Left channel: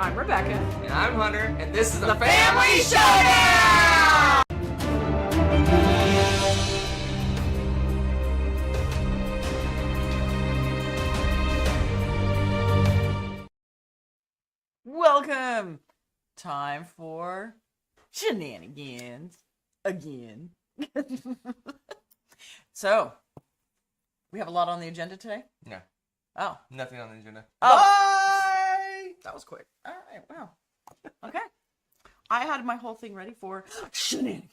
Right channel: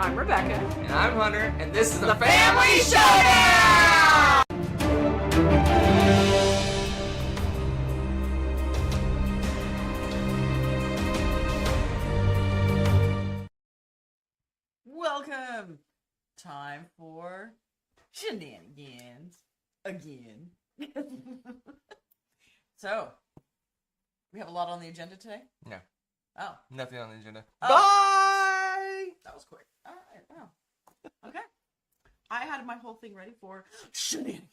I'm Rebecca. And I'm Hunter, and this is the Family Showdown! Welcome! Time for shenanigans. Again. So, we have a lot on the agenda today? No. Oh. Nothing on the agenda. Oh. Bye! That was quick. Alright, wow. Okay. I had my whole thing ready for shenanigans.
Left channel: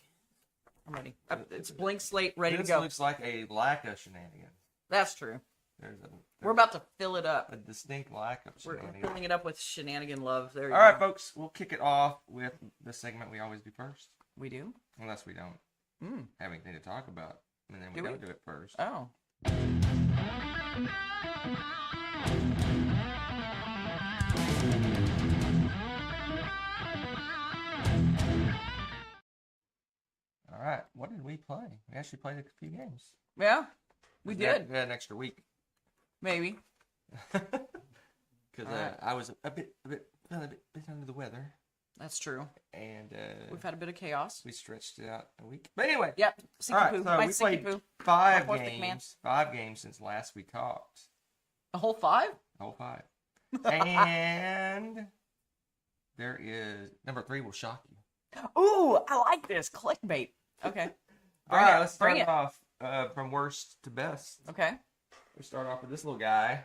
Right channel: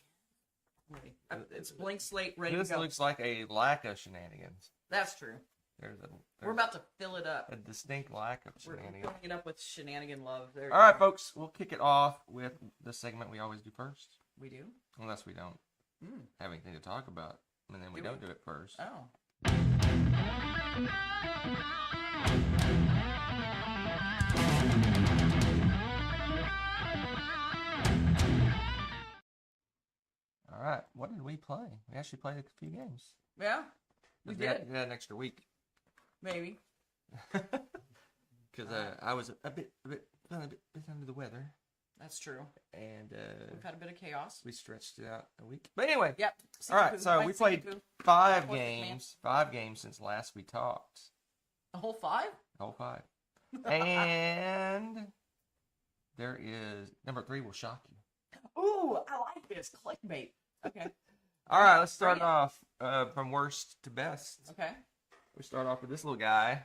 I'm ready. It's blank slate, ready to go. This looks like a lack of shenanigans. That's true. We're There's about to fill it up. a distinct lack of shenanigans. We're filling it up with shenanigan love. There you All go. right, folks. We'll kick it off with the segment we always do first. We do? Unless we don't have anything to talk about. And then we don't do it first. Oh. All right. What did we play? We actually played a few games. Yeah? We did. We had an extra week. Maybe. Because I was a bit under the weather. That's true. And we've had a bit of chaos. we stretched it out a week. But anyway. Yep. All right, so we played poo. 5 Poor thick man. games. 5 games since last we talked. A whole 5? Oh, 5. And there is number 3 will shock you. Ooh, I like this. Clickbait. Okay. All right, let's start off from worst to best. Okay. We start off with this little guy.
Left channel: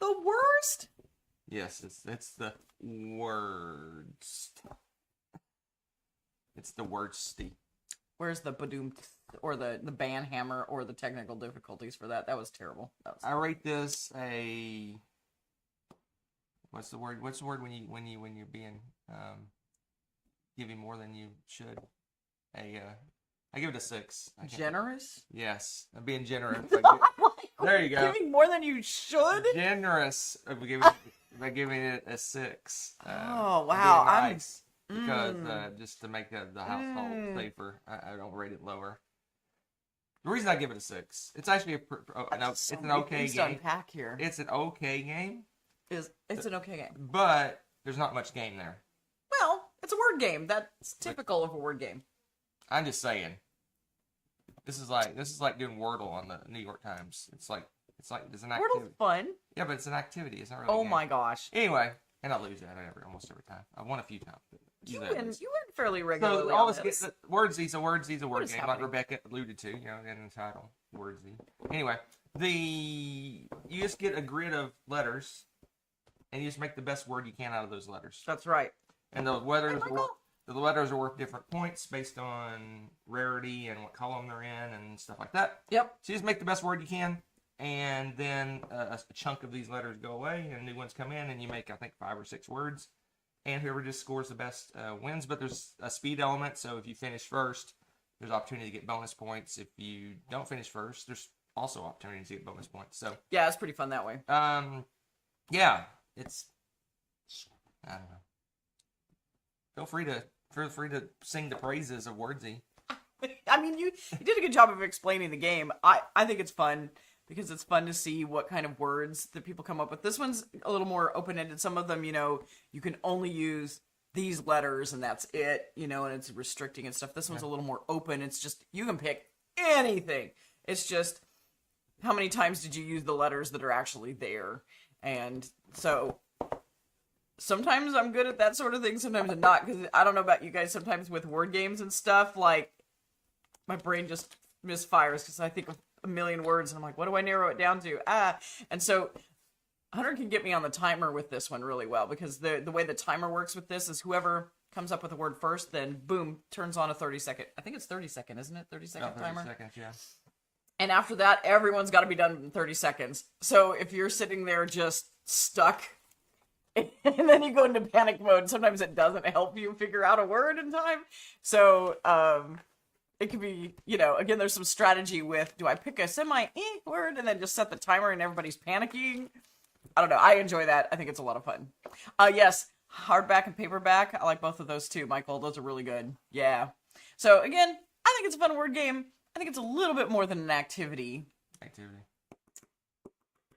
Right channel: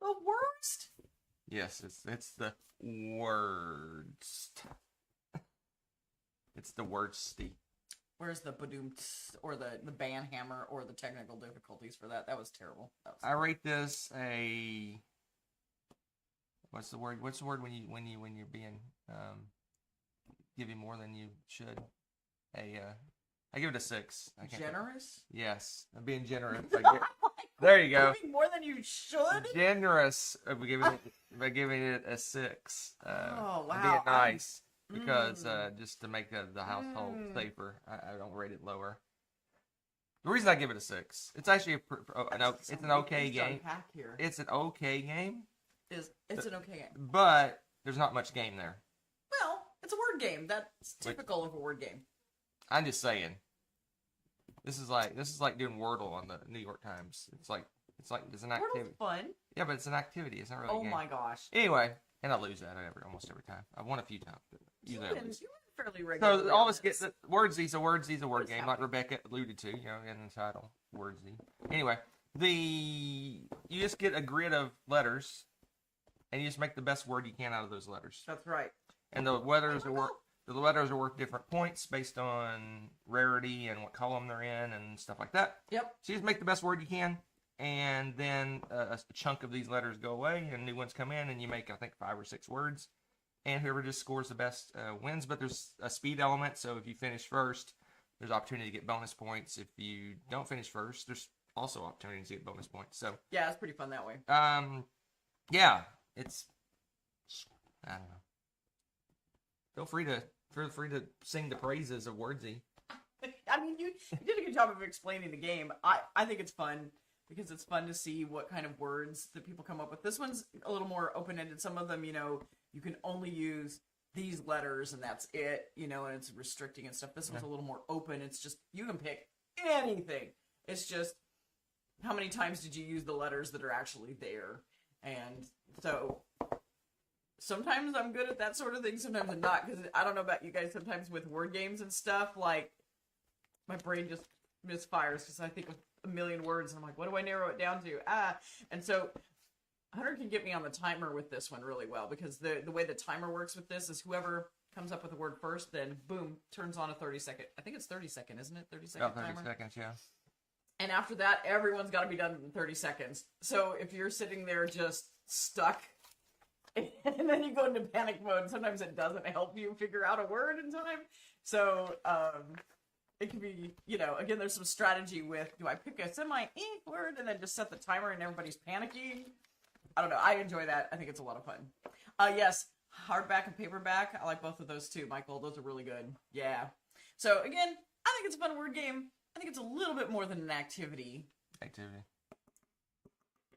The worst? Yes, it's the worst. It's the worsty. Where's the badoom or the ban hammer or the technical difficulties for that? That was terrible. I rate this a. What's the word? What's the word when you're being giving more than you should? I give it a 6. Generous? Yes, I'm being generous. There you go. Giving more than you should? Generous by giving it a 6. Oh wow! Being nice because just to make the household safer, I don't rate it lower. The reason I give it a 6, it's actually it's an okay game. Unpack here. It's an okay game. It's an okay game, but there's not much game there. Well, it's a word game. That's typical of a word game. I'm just saying. This is like doing Wordle on the New York Times. It's an activity. Wordle's fun. Yeah, but it's an activity. It's not really. Oh my gosh. Anyway, and I lose that almost every time. I've won a few times. But you win fairly regularly. So always get the Wordsy's a word game, happening? like Rebecca alluded to. In the title, Wordsy. Anyway, you just get a grid of letters, and you just make the best word you can out of those letters. That's right. And the letters are worth different points based on rarity and what column they're in and stuff like that. Yep. So you just make the best word you can, and then a chunk of these letters go away, and new ones come in, and you make, I think, 5 or 6 words. And whoever just scores the best wins. But there's a speed element, so if you finish first, there's opportunity to get bonus points. If you don't finish first, there's also opportunities to get bonus points. So yeah, it's pretty fun that way. Yeah, it's, I don't know. Feel free to sing the praises of Wordsy. I mean, you did a good job of explaining the game. I think it's fun because it's fun to see what kind of words that people come up with. This one's a little more open-ended. Some of them, you can only use these letters and that's it, and it's restricting and stuff. This one's a little more open. It's just, you can pick anything. It's just, how many times did you use the letters that are actually there? And so sometimes I'm good at that sort of thing, sometimes I'm not, because I don't know about you guys, sometimes with word games and stuff, like, my brain just misfires, because I think of a million words, and I'm like, what do I narrow it down to? And so, Hunter can get me on the timer with this one really well, because the way the timer works with this is whoever comes up with a word first, then, boom, turns on a 30-second, I think it's 30-second, isn't it? 30-second timer? 30 seconds, yeah. And after that, everyone's got to be done in 30 seconds. So, if you're sitting there just stuck, and then you go into panic mode. Sometimes it doesn't help you figure out a word in time. So, it could be, again, there's some strategy with, do I pick a word and then just set the timer and everybody's panicking? I don't know. I enjoy that. I think it's a lot of fun. Yes, hardback and paperback. I like both of those too, Michael. Those are really good. Yeah. So, again, I think it's a fun word game. I think it's a little bit more than an activity.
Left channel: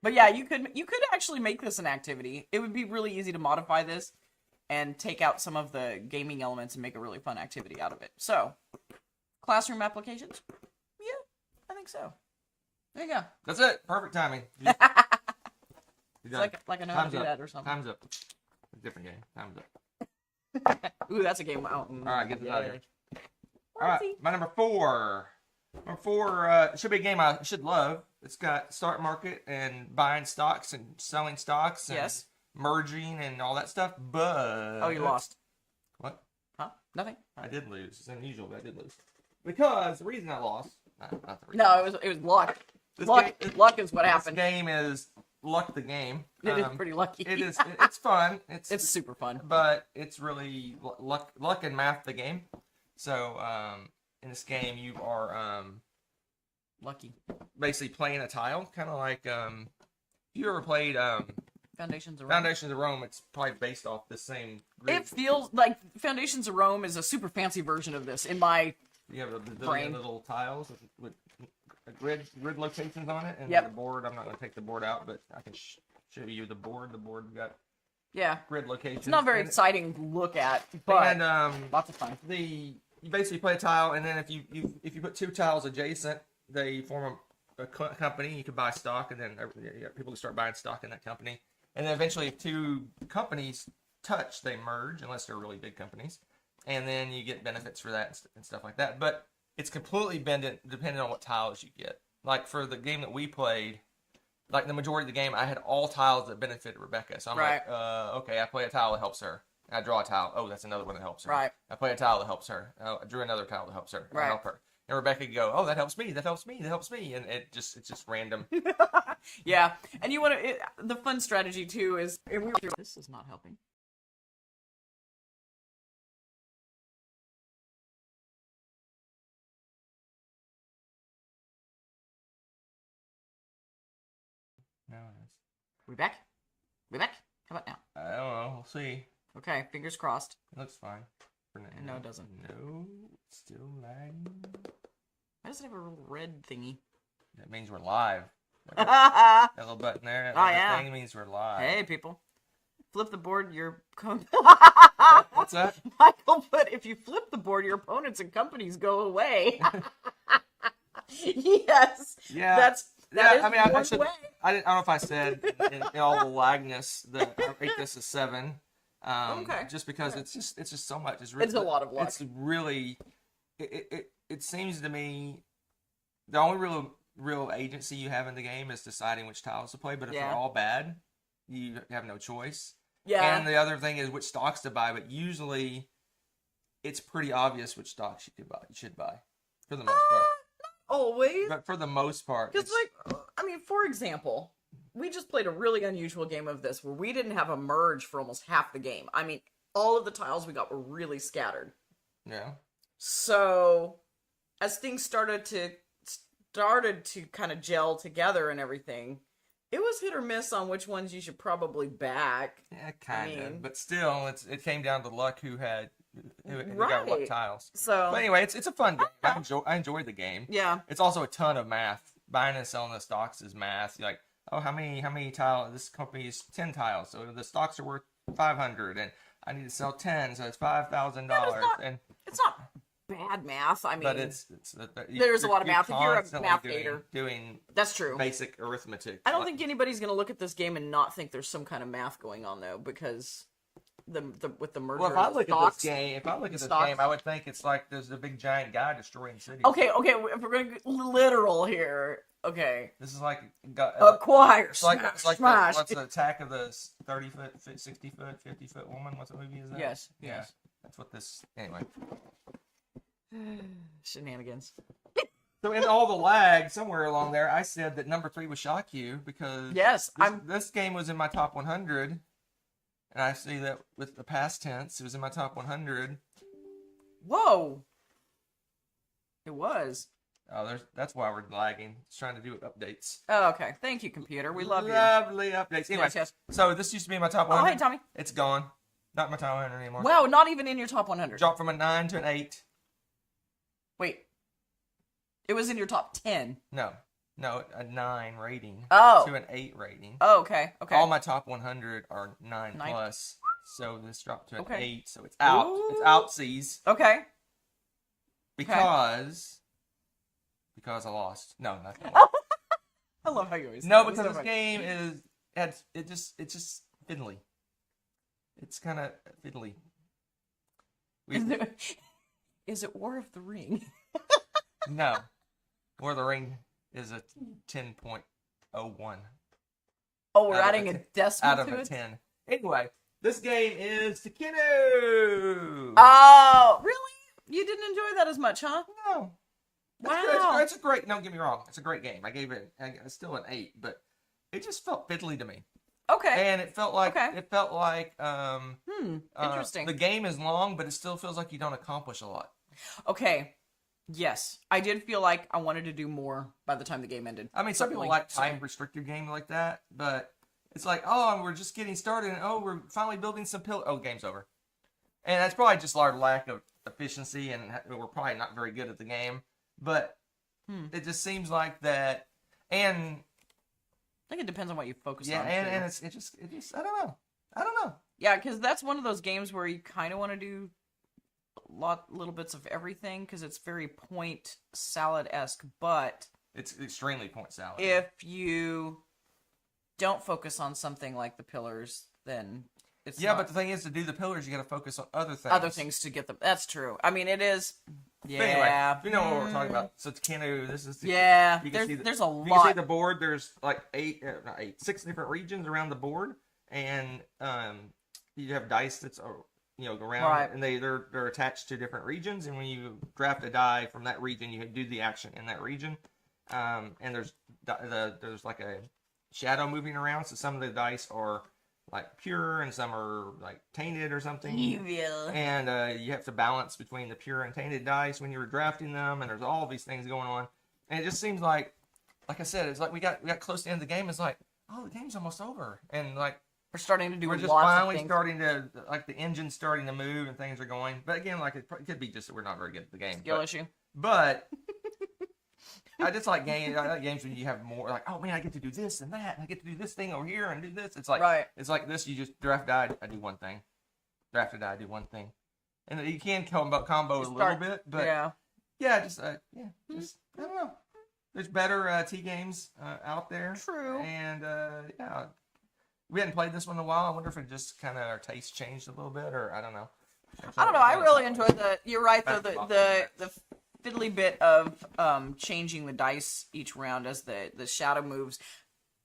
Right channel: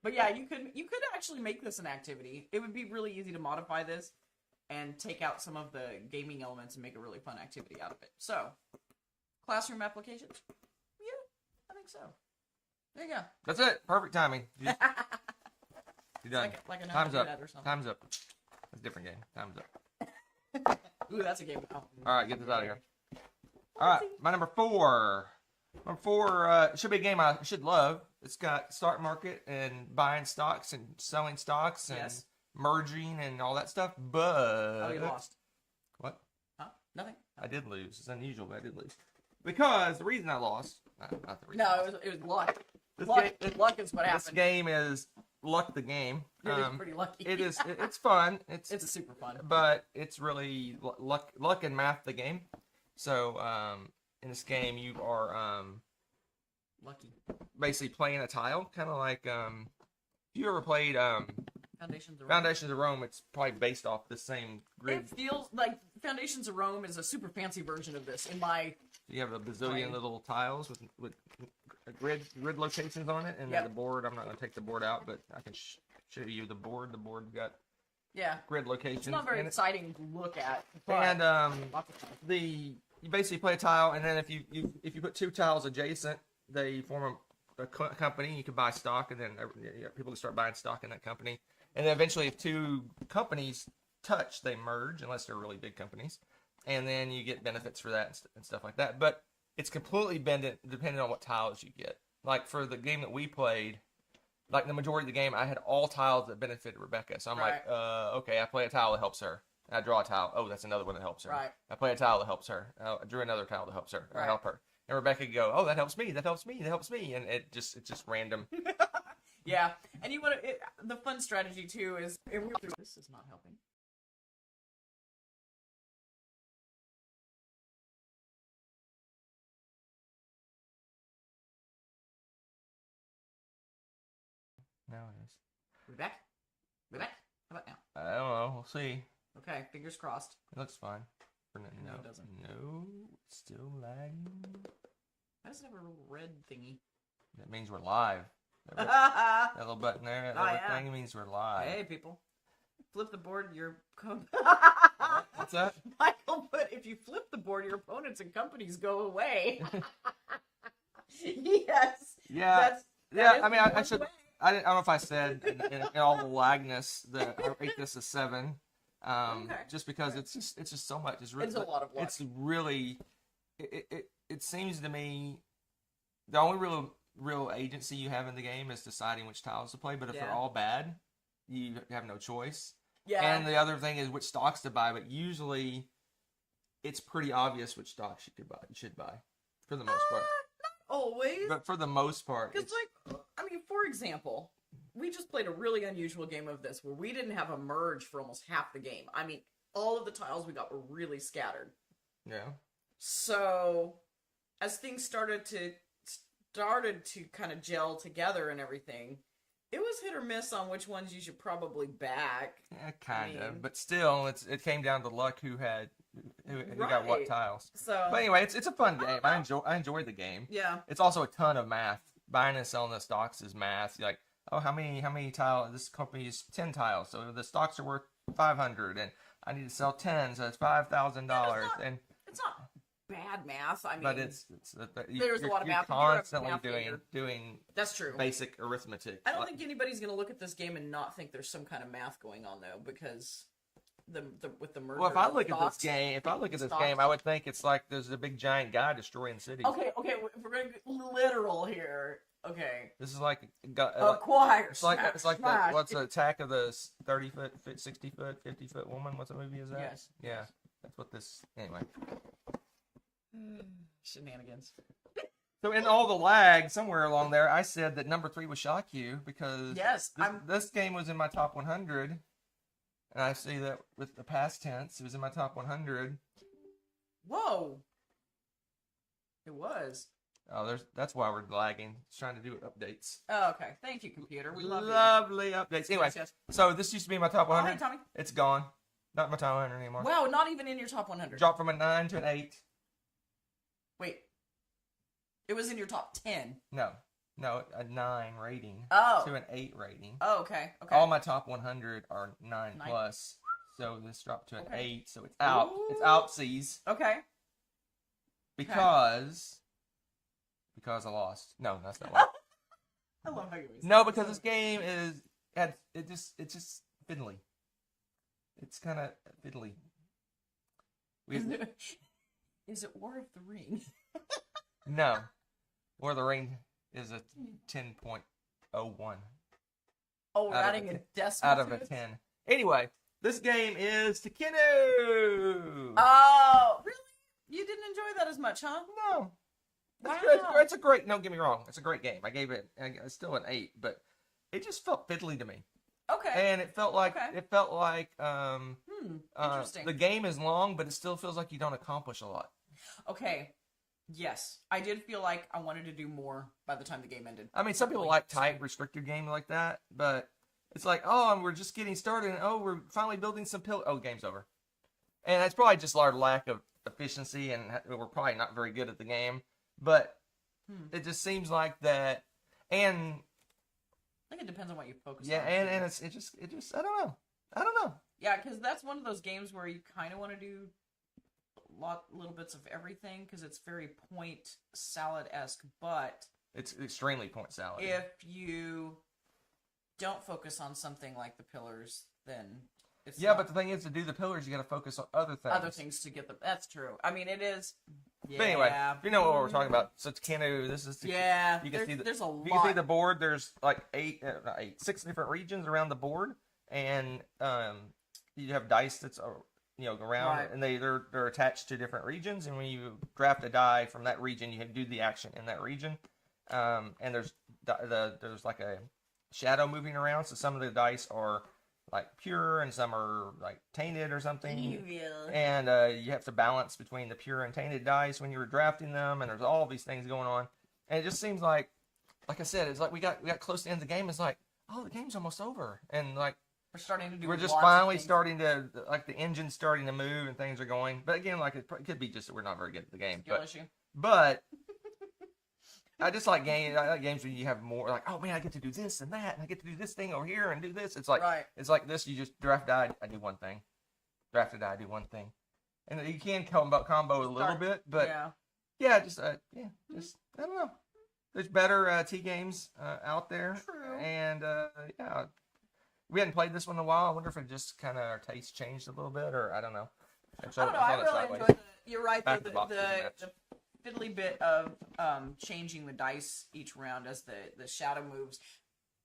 But yeah, you could actually make this an activity. It would be really easy to modify this and take out some of the gaming elements and make a really fun activity out of it. So, classroom applications? Yeah, I think so. There you go. That's it. Perfect timing. You're done. Like I know how to Time's do up. that or something. Time's up. It's a different game. Time's up. Ooh, that's a game. All right, get this out of here. All right, my number 4. Number 4 should be a game I should love. It's got stock market and buying stocks and selling stocks and Yes. merging and all that stuff. But Oh, you lost. What? Huh? Nothing. I did lose. It's unusual, but I did lose because the reason I lost. Not the reason. No, it was luck. Luck is what This happened. game is Luck the Game. It is pretty lucky. It is. It's fun. It's super fun. But it's really luck and math the game. So in this game you are Lucky. basically playing a tile, kind of like if you ever played Foundations of Rome. Foundations of Rome. It's probably based off the same grid. It feels like Foundations of Rome is a super fancy version of this. In my You have a bazillion brain. little tiles with grid locations on it, and Yep. the board. I'm not going to take the board out, but I can show you the board. The board got yeah, grid locations. it's not very and exciting to look at, but lots of fun. you basically play a tile, and then if you put 2 tiles adjacent, they form a company. You can buy stock, and then people can start buying stock in that company. And then eventually, if 2 companies touch, they merge, unless they're really big companies, and then you get benefits for that and stuff like that. But it's completely dependent on what tiles you get. Like for the game that we played, like the majority of the game, I had all tiles that benefited Rebecca. So I'm like, okay, I play a tile that helps her. I draw a tile. Oh, that's another one that helps her. Right. I play a tile that helps her. I drew another tile that helps her. I Right. help her. And Rebecca could go, oh, that helps me. That helps me. That helps me. And it's just random. Yeah, and you want to. The fun strategy too is this is not helping. No, We back? We back? How about now? I don't know. We'll see. Okay, fingers crossed. It looks fine. For now. No, it doesn't. No, it's still lagging. Why does it have a little red thingy? That means we're live. Hey, That little button there, that Oh, little yeah. thing means we're live. people. Flip the board, your... What's that? Michael put, if you flip the board, your opponents and companies go away. Yes. Yeah. That is I mean, I one should. way. I don't know if I said in all the lagness that I rate this a 7. Okay. Just because it's just so much. It's a lot of luck. It's really. It seems to me, the only real agency you have in the game is deciding which tiles to play. But if Yeah. they're all bad, you have no choice. Yeah. And the other thing is which stocks to buy. But usually, it's pretty obvious which stocks you should buy, for the most part. Always. But for the most part, Because, like, I mean, for example, we just played a really unusual game of this where we didn't have a merge for almost half the game. I mean, all of the tiles we got were really scattered. yeah. So, as things started to kind of gel together and everything, it was hit or miss on which ones you should probably back. Yeah, kind mean- of. But still, it came down to luck who got Right. what tiles. So, But anyway, it's a fun game. I enjoyed the game. yeah. It's also a ton of math. Buying and selling the stocks is math. You're like, oh, how many tiles? This company is 10 tiles, so the stocks are worth 500, and I need to sell 10, so it's $5,000. And It's not bad math. I mean, but there's a lot of math. If you're a constantly math doing, hater. doing that's true. basic arithmetic. I don't think anybody's gonna look at this game and not think there's some kind of math going on though, because with the merger. Well, if I of look stocks- at this stocks. game, I would think it's like there's a big giant guy destroying cities. Okay, if we're going literal here, okay. This is like Acquire, it's like smash. what's the Attack of the 30-foot, 60-foot, 50-foot woman? What's the movie is that? Yes. Yeah. Yes. That's what this. Anyway. Shenanigans. So in all the lag, somewhere along there, I said that number 3 would shock you because Yes, this game was in my top 100, and I see that with the past tense, it was in my top 100. Whoa. It was. Oh, that's why we're lagging. It's trying to do updates. Oh, okay. Thank you, computer. We love you. Lovely updates. Anyway, Yes, yes. so this used to be in my top Oh, 100. hey, Tommy. It's gone. Not my top 100 anymore. Wow, not even in your top 100. Dropped from a 9 to an 8. Wait. It was in your top 10. No. No, a 9 rating. Oh. To an 8 rating. Oh, okay. Okay. All my top 100 are 9 9. plus. So this dropped to an Okay. 8. So it's out. Ooh. It's outsies. Okay. Because I lost. No, that's not Oh. it. I love how you always. No, say that because so this much. game it's just fiddly. It's kind of fiddly. Is it War of the Ring? No. War of the Ring is a 10.01 Oh, we're Out of adding a a 10. decimal out of to a it? 10. Anyway, this game is Takenu. Oh, really? You didn't enjoy that as much, huh? No. Wow. It's a great, don't get me wrong, it's a great game. I gave it still an 8, but it just felt fiddly to me. Okay. And it felt like Interesting. the game is long, but it still feels like you don't accomplish a lot. Okay. Yes, I did feel like I wanted to do more by the time the game ended. I mean, some people Certainly. like time restricted games like that, but it's like, oh, we're just getting started, and oh, we're finally building some pillars. Oh, game's over. And that's probably just our lack of efficiency, and we're probably not very good at the game. But it just seems like that, and I think it depends on what you focus yeah, on. and it just I don't know. Yeah, because that's one of those games where you kind of want to do little bits of everything because it's very point salad-esque, but It's extremely point salad. if you don't focus on something like the pillars, then it's Yeah, not but the thing is, to do the pillars, you got to focus on other things. to get them. That's true. I mean, it is. Yeah. But anyway, you know what we're talking about. So it's Takenu. This is Yeah, You can see there's a lot. You can see the board. There's like 6 different regions around the board, and you have dice that's around, Right. and they're attached to different regions. And when you draft a die from that region, you have to do the action in that region. And there's like a shadow moving around, so some of the dice are like pure, and some are like tainted or something. Evil. And you have to balance between the pure and tainted dice when you're drafting them, and there's all these things going on. And it just seems like I said, it's like we got close to the end of the game. It's like, oh, the game's almost over, and like We're starting to do. we're just lots finally of things. starting to, like, the engine's starting to move and things are going. But again, like it could be just that we're not very good at the game. Skill issue. But I just like games. I like games where you have more, like, oh man, I get to do this and that, and I get to do this thing over here and do this. It's like Right. It's like this. You just draft die. I do one thing. Draft a die. I do one thing. And you can combo a little bit, but Yeah. just I don't know. There's better T games out there. True. And yeah, we hadn't played this one in a while. I wonder if it just kind of our taste changed a little bit, or I don't know. I don't know. I really enjoyed the. You're right though. Back to the box The fiddly bit of changing the dice each round as the shadow moves.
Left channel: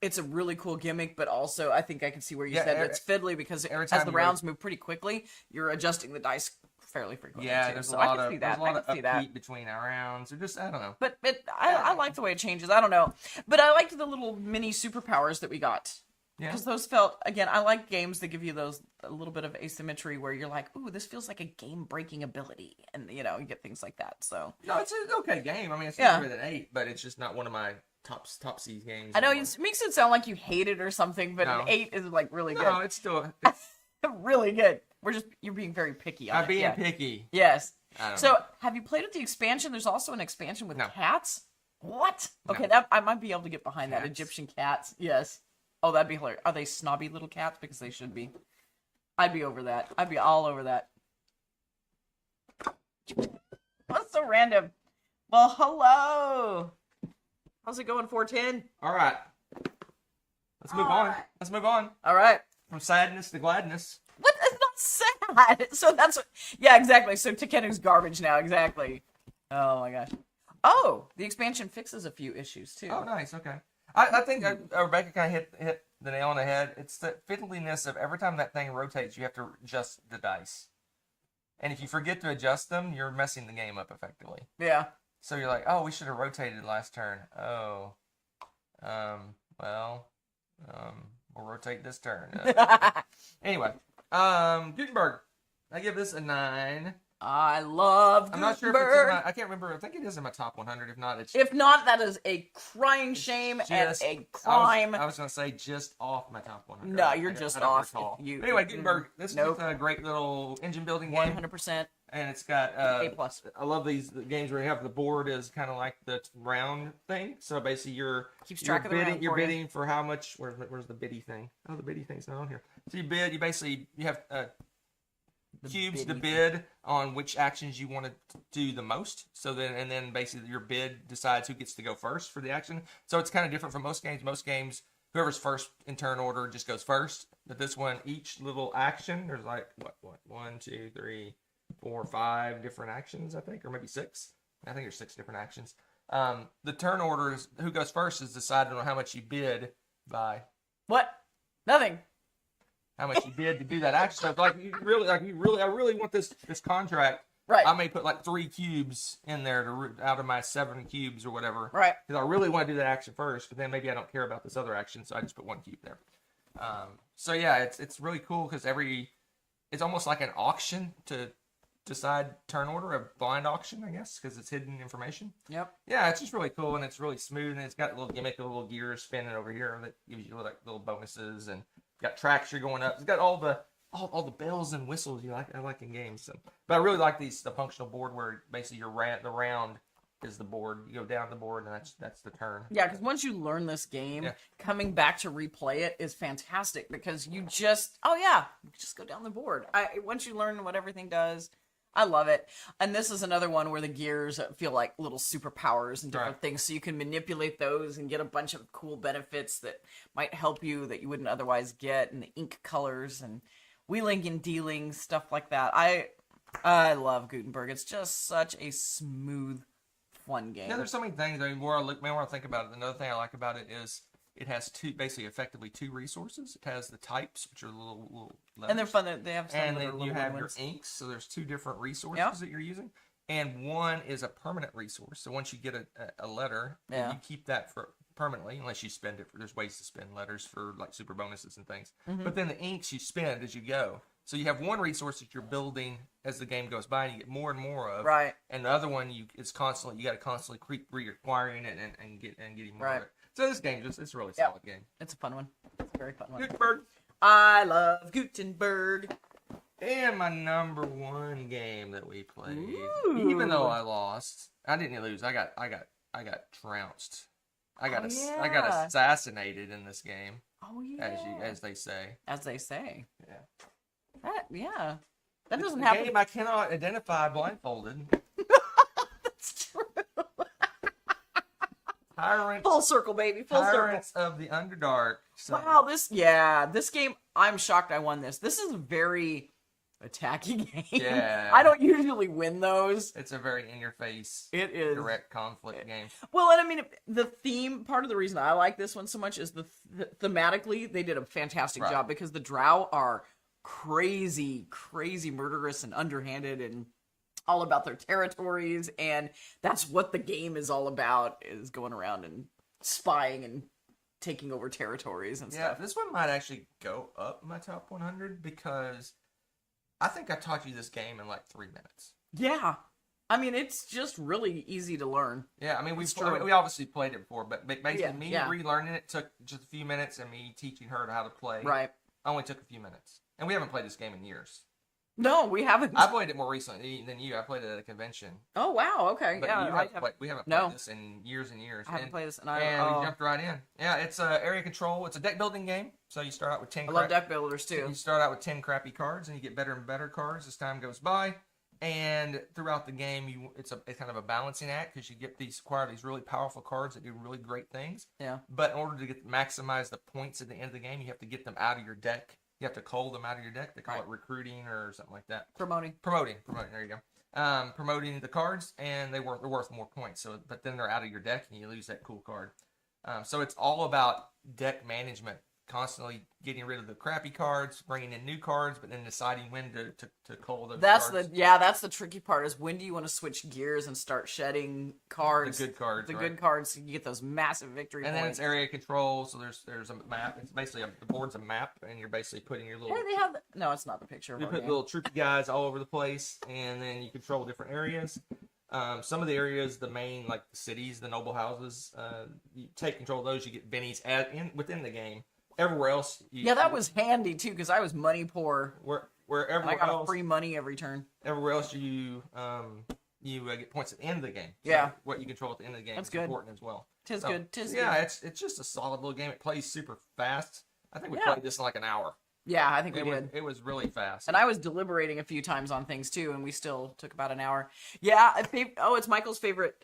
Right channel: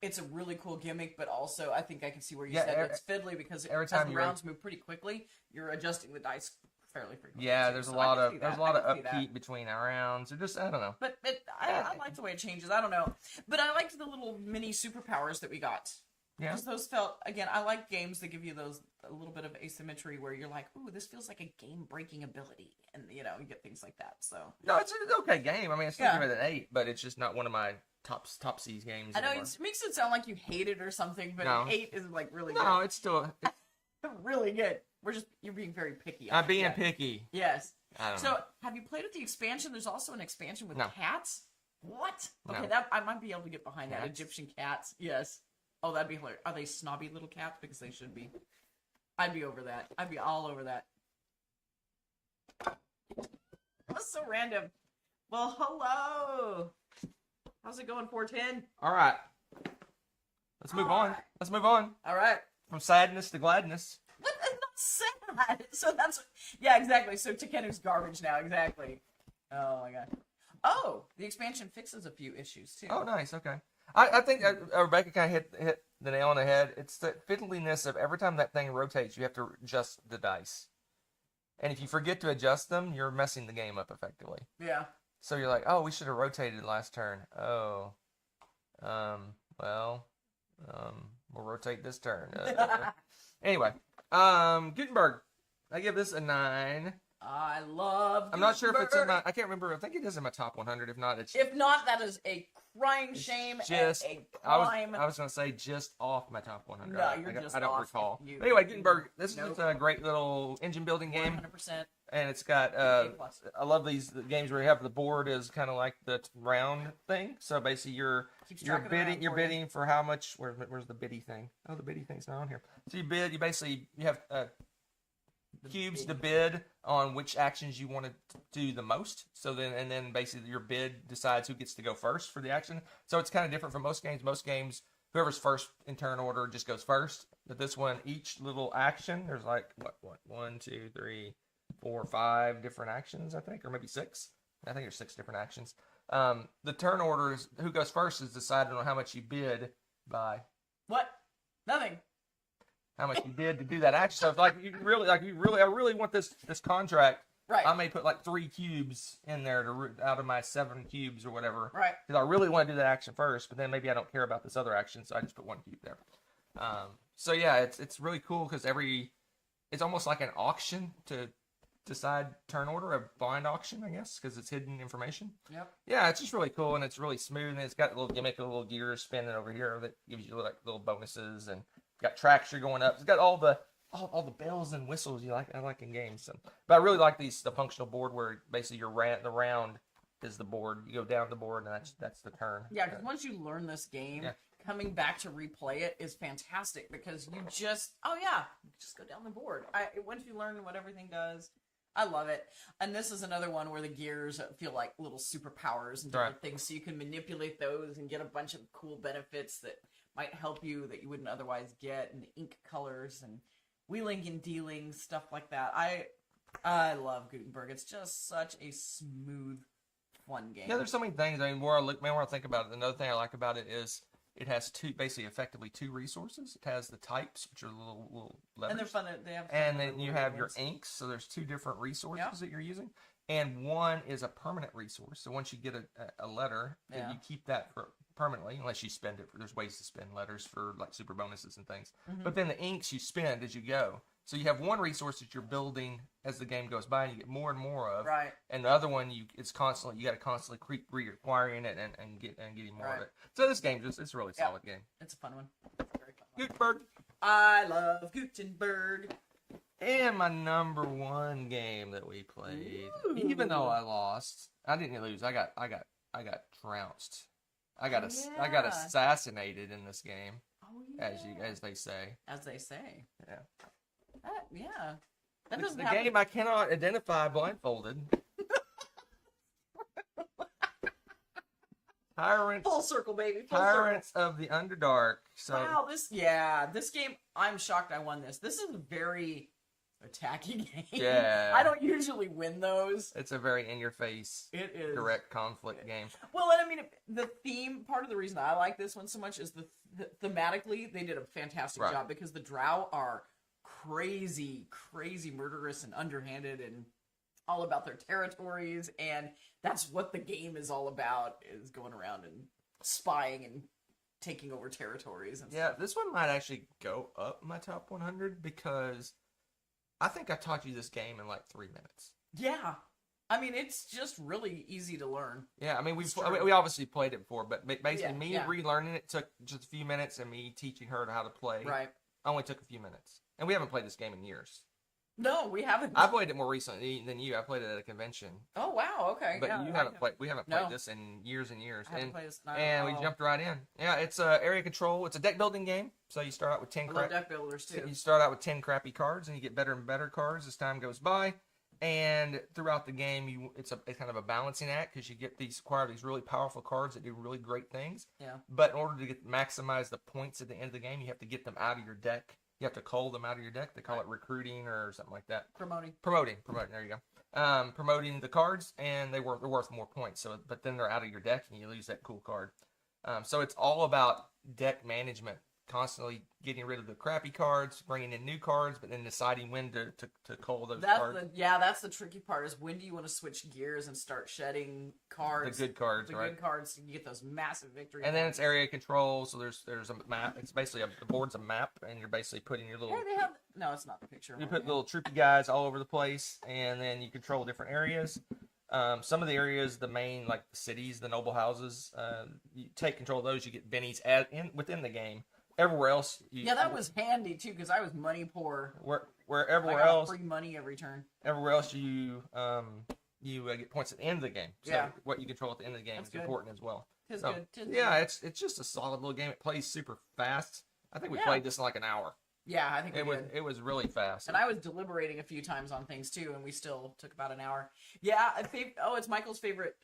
It's a really cool gimmick, but also I think I can see where you said it's fiddly because as the rounds move pretty quickly, you're adjusting the dice fairly frequently. Yeah, too. there's a So I lot can of see that. upbeat between our rounds. Or just I don't know. But I like the way it changes. I don't know, but I liked the little mini superpowers that we got. Yeah. Because those felt, again, I like games that give you a little bit of asymmetry where you're like, ooh, this feels like a game-breaking ability. And, you get things like that, so. No, it's an okay game. I mean, it's still better than 8, but it's just not one of my top C's games. I know, anymore. it makes it sound like you hate it or something, but No. an 8 is, like, really good. No, it's still... really good. You're being very picky on it. I'm being picky. Yes. I don't So, know. have you played with the expansion? There's also an expansion with No. cats? What? Okay, No. I might be able to get behind that. Cats? Egyptian cats. Yes. Oh, that'd be hilarious. Are they snobby little cats? Because they should be. I'd be over that. I'd be all over that. That's so random. Well, hello. How's it going, 410? All right. Let's move on. Alright. Let's move on. All right. From sadness to gladness. What? It's not sad. So that's what. Yeah, exactly. So Takenu's garbage now. Exactly. Oh my gosh. Oh, the expansion fixes a few issues too. Oh, nice. Okay. I think Rebecca kind of hit the nail on the head. It's the fiddliness of every time that thing rotates, you have to adjust the dice. And if you forget to adjust them, you're messing the game up effectively. Yeah. So you're like, oh, we should have rotated last turn. Oh. Well, we'll rotate this turn. Anyway, Gutenberg. I give this a 9. I love. I'm not sure if it's in Gutenberg. my. I can't remember. I think it is in my top 100. If not, it's. If not, that is a crying shame and a crime. I was going to say just off my top 100. No, you're just I don't off. recall. You- Anyway, Gutenberg. This Nope. is a great little engine building game. 100%. And it's got A plus. I love these games where you have the board is kind of like the round thing. So basically, Keeps track of the bidding. round You're for you. bidding for how much? Where's the biddy thing? Oh, the biddy thing's not on here. So you bid. You have cubes to bid on which actions you want to do the most. So then basically your bid decides who gets to go first for the action. So it's kind of different from most games. Most games, whoever's first in turn order just goes first. But this one, each little action, there's like what 1, 2, 3, 4, 5 different actions, I think, or maybe 6. I think there's 6 different actions. The turn order is who goes first is decided on how much you bid by. What? Nothing. How much you bid to do that action. So I really want this contract. Right. I may put like 3 cubes in there out of my 7 cubes or whatever. Right. Because I really want to do that action first, but then maybe I don't care about this other action, so I just put 1 cube there. So yeah, it's really cool because it's almost like an auction to decide turn order, a blind auction, I guess, because it's hidden information. Yep. Yeah, it's just really cool and it's really smooth and it's got a little gimmick, a little gears spinning over here that gives you like little bonuses and got traction going up. It's got all the bells and whistles I like in games. So. But I really like the functional board where basically the round is the board. You go down the board and that's the turn. Yeah, because once you learn this game, coming back to replay it is fantastic because you just go down the board. Once you learn what everything does, I love it. And this is another one where the gears feel like little superpowers and different things, so you can manipulate those and get a bunch of cool benefits that might help you that you wouldn't otherwise get, and the ink colors and wheeling and dealing, stuff like that. I love Gutenberg. It's just such a smooth, fun game. Yeah, there's so many things. I mean, more I think about it. Another thing I like about it is it has effectively two resources. It has the types, which are little letters. And they're fun. They have some and that are then you little have your ones. inks. So there's 2 different resources that you're using. And one is a permanent resource. So once you get a letter, then you keep that for permanently, unless you spend it. There's ways to spend letters for like super bonuses and things. Mm-hmm. But then the inks you spend as you go. So you have one resource that you're building as the game goes by, and you get more and more of. Right. And the other one, it's constantly, you got to constantly keep reacquiring it and getting more of it. So this game it's a really solid game. It's a fun one. It's a very fun one. Gutenberg. I love Gutenberg. And my number 1 game that we played, Ooh. even though I lost, I didn't lose. I got trounced. I got assassinated in this game. Oh yeah. As they say. As they say. Yeah. That doesn't the happen. game I cannot identify blindfolded. That's true. Tyrants. Full circle, baby. Full circle. Tyrants of the Underdark. So, Wow, this game, I'm shocked I won this. This is a very attacking game. Yeah. I don't usually win those. It's a very in-your-face, It is. direct conflict game. Well, and I mean, the theme, part of the reason I like this one so much is thematically, they did a fantastic job because the Drow are crazy murderous and underhanded and all about their territories, and that's what the game is all about, is going around and spying and taking over territories and stuff. Yeah, this one might actually go up my top 100 because I think I taught you this game in like 3 minutes. Yeah. I mean, it's just really easy to learn. Yeah, I mean, we obviously played it before, but basically relearning it took just a few minutes, and me teaching her how to play only took a few minutes. And we haven't played this game in years. No, we haven't. I played it more recently than you. I played it at a convention. Oh, wow, okay. But we haven't played this in years and years. I haven't played this. And we jumped right in. Yeah, it's area control. It's a deck building game. So you start out with 10 I love deck builders, too. You start out with 10 crappy cards, and you get better and better cards as time goes by. And throughout the game, it's kind of a balancing act because you acquire these really powerful cards that do really great things. Yeah. But in order to maximize the points at the end of the game, you have to get them out of your deck. You have to cull them out of your deck. They call it recruiting or something like that. Promoting. There you go. Promoting the cards, and they're worth more points. So, but then they're out of your deck, and you lose that cool card. So it's all about deck management. Constantly getting rid of the crappy cards, bringing in new cards, but then deciding when to cull those cards. That's the tricky part, is when do you want to switch gears and start shedding cards? The good cards, good cards, so you get those massive victory points. And then it's area control, so there's a map. It's basically the board's a map, and you're basically putting your little... No, it's not the picture. You put little troopy guys all over the place, and then you control different areas. Some of the areas, the main, like the cities, the noble houses, you take control of those, you get bennies within the game. Everywhere else... that was handy, too, because I was money poor. where And I everywhere got else, free money every turn. you get points at the end of the game. So Yeah. what you control at the end of the game That's is good. important as well. Tis So, good. Tis yeah, good. it's just a solid little game. It plays super fast. I think we Yeah. played this in like an hour. Yeah, I think we did. It was really fast. And I was deliberating a few times on things too, and we still took about an hour. Yeah, it's Michael's favorite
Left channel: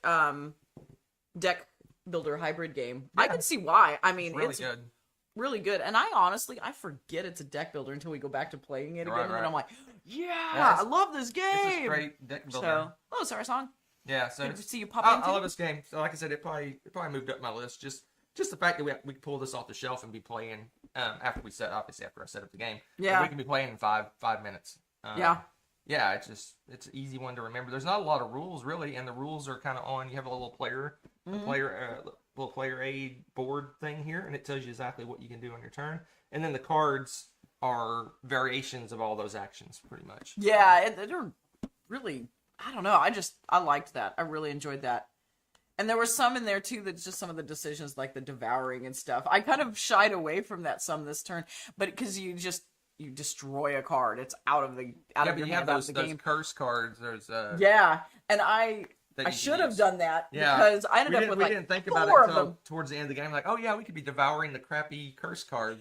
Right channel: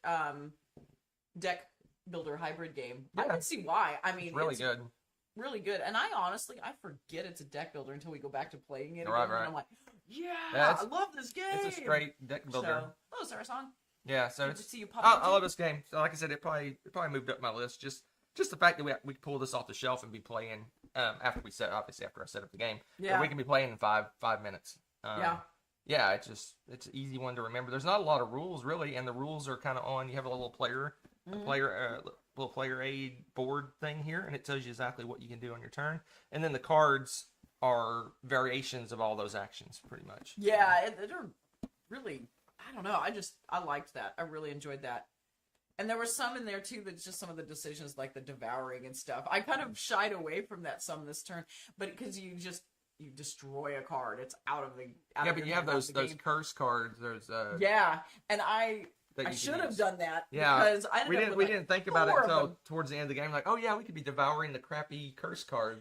deck builder hybrid game. Yeah. I can see why. I mean, It's really it's good. really good. And I honestly, I forget it's a deck builder until we go back to playing it again, Right, and right. I'm like, yeah, Yeah, I love this game. It's a straight deck builder. So, oh, Sarah Song. Yeah, so Good to see you pop I into. love this game. So like I said, it probably moved up my list. Just the fact that we pull this off the shelf and be playing after I set up the game. Yeah. We can be playing in 5 minutes. Yeah. Yeah, it's an easy one to remember. There's not a lot of rules really, and the rules are kind of on. You have a little player aid board thing here, and it tells you exactly what you can do on your turn. And then the cards are variations of all those actions, pretty much. Yeah, they're really. I don't know. I liked that. I really enjoyed that. And there were some in there too that's just some of the decisions, like the devouring and stuff. I kind of shied away from that some this turn, but because you destroy a card, it's out of your But you have hand, out of those the game. curse cards. There's Yeah, and I that you can should have use. done that Yeah. because I ended up with we like didn't think about four it of until them. towards the end of the game. Like, oh yeah, we could be devouring the crappy curse card.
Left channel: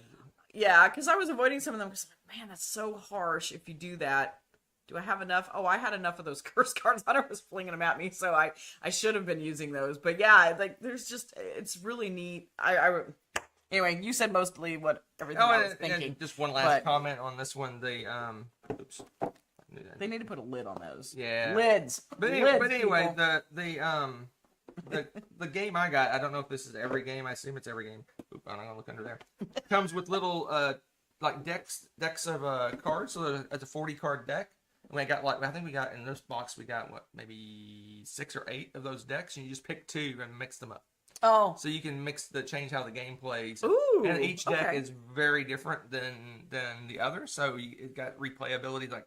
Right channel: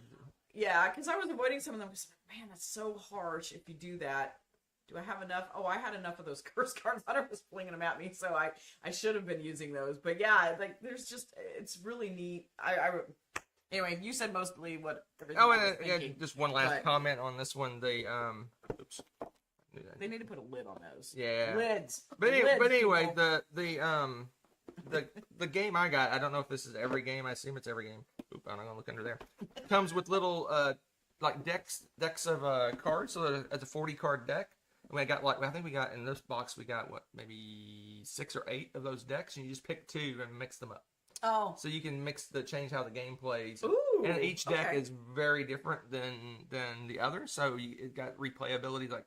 Yeah, because I was avoiding some of them. Because man, that's so harsh if you do that. Do I have enough? Oh, I had enough of those curse cards. I was flinging them at me, so I should have been using those. But yeah, like there's just it's really neat. Anyway, you said mostly what everything I was thinking. And just one last comment on this one. They oops. They need to put a lid on those. Yeah. Lids. But Lids, anyway, people. the game I got, I don't know if this is every game. I assume it's every game. Oop, I'm gonna look under there. Comes with little like decks of cards. So it's a 40 card deck. And I think we got in this box we got maybe 6 or 8 of those decks, and you just pick 2 and mix them up. Oh. So you can change how the game plays. Ooh. And each deck okay. is very different than the other. So it got replayability. Like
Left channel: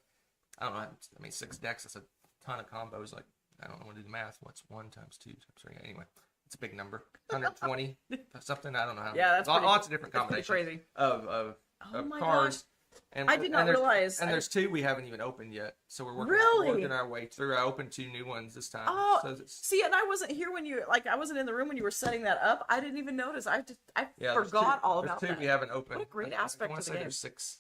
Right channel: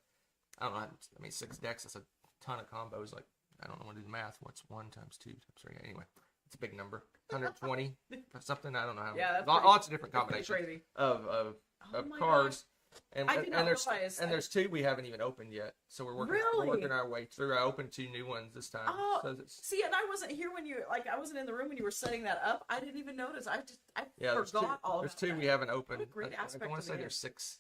I don't know. I mean, 6 decks. That's a ton of combos. Like I don't want to do the math. What's 1 times 2 times 3? Anyway, it's a big number. 120 something. I don't know how. Yeah, that's lots of different that's combinations crazy. of my cards. gosh. And, I did not realize. And there's 2 we haven't even opened yet, so we're working our way through. I opened 2 new ones this time. Oh, so see, and I wasn't here when I wasn't in the room when you were setting that up. I didn't even notice. I forgot all about that. There's 2 we haven't opened. What a great I aspect want of to the say game. there's 6.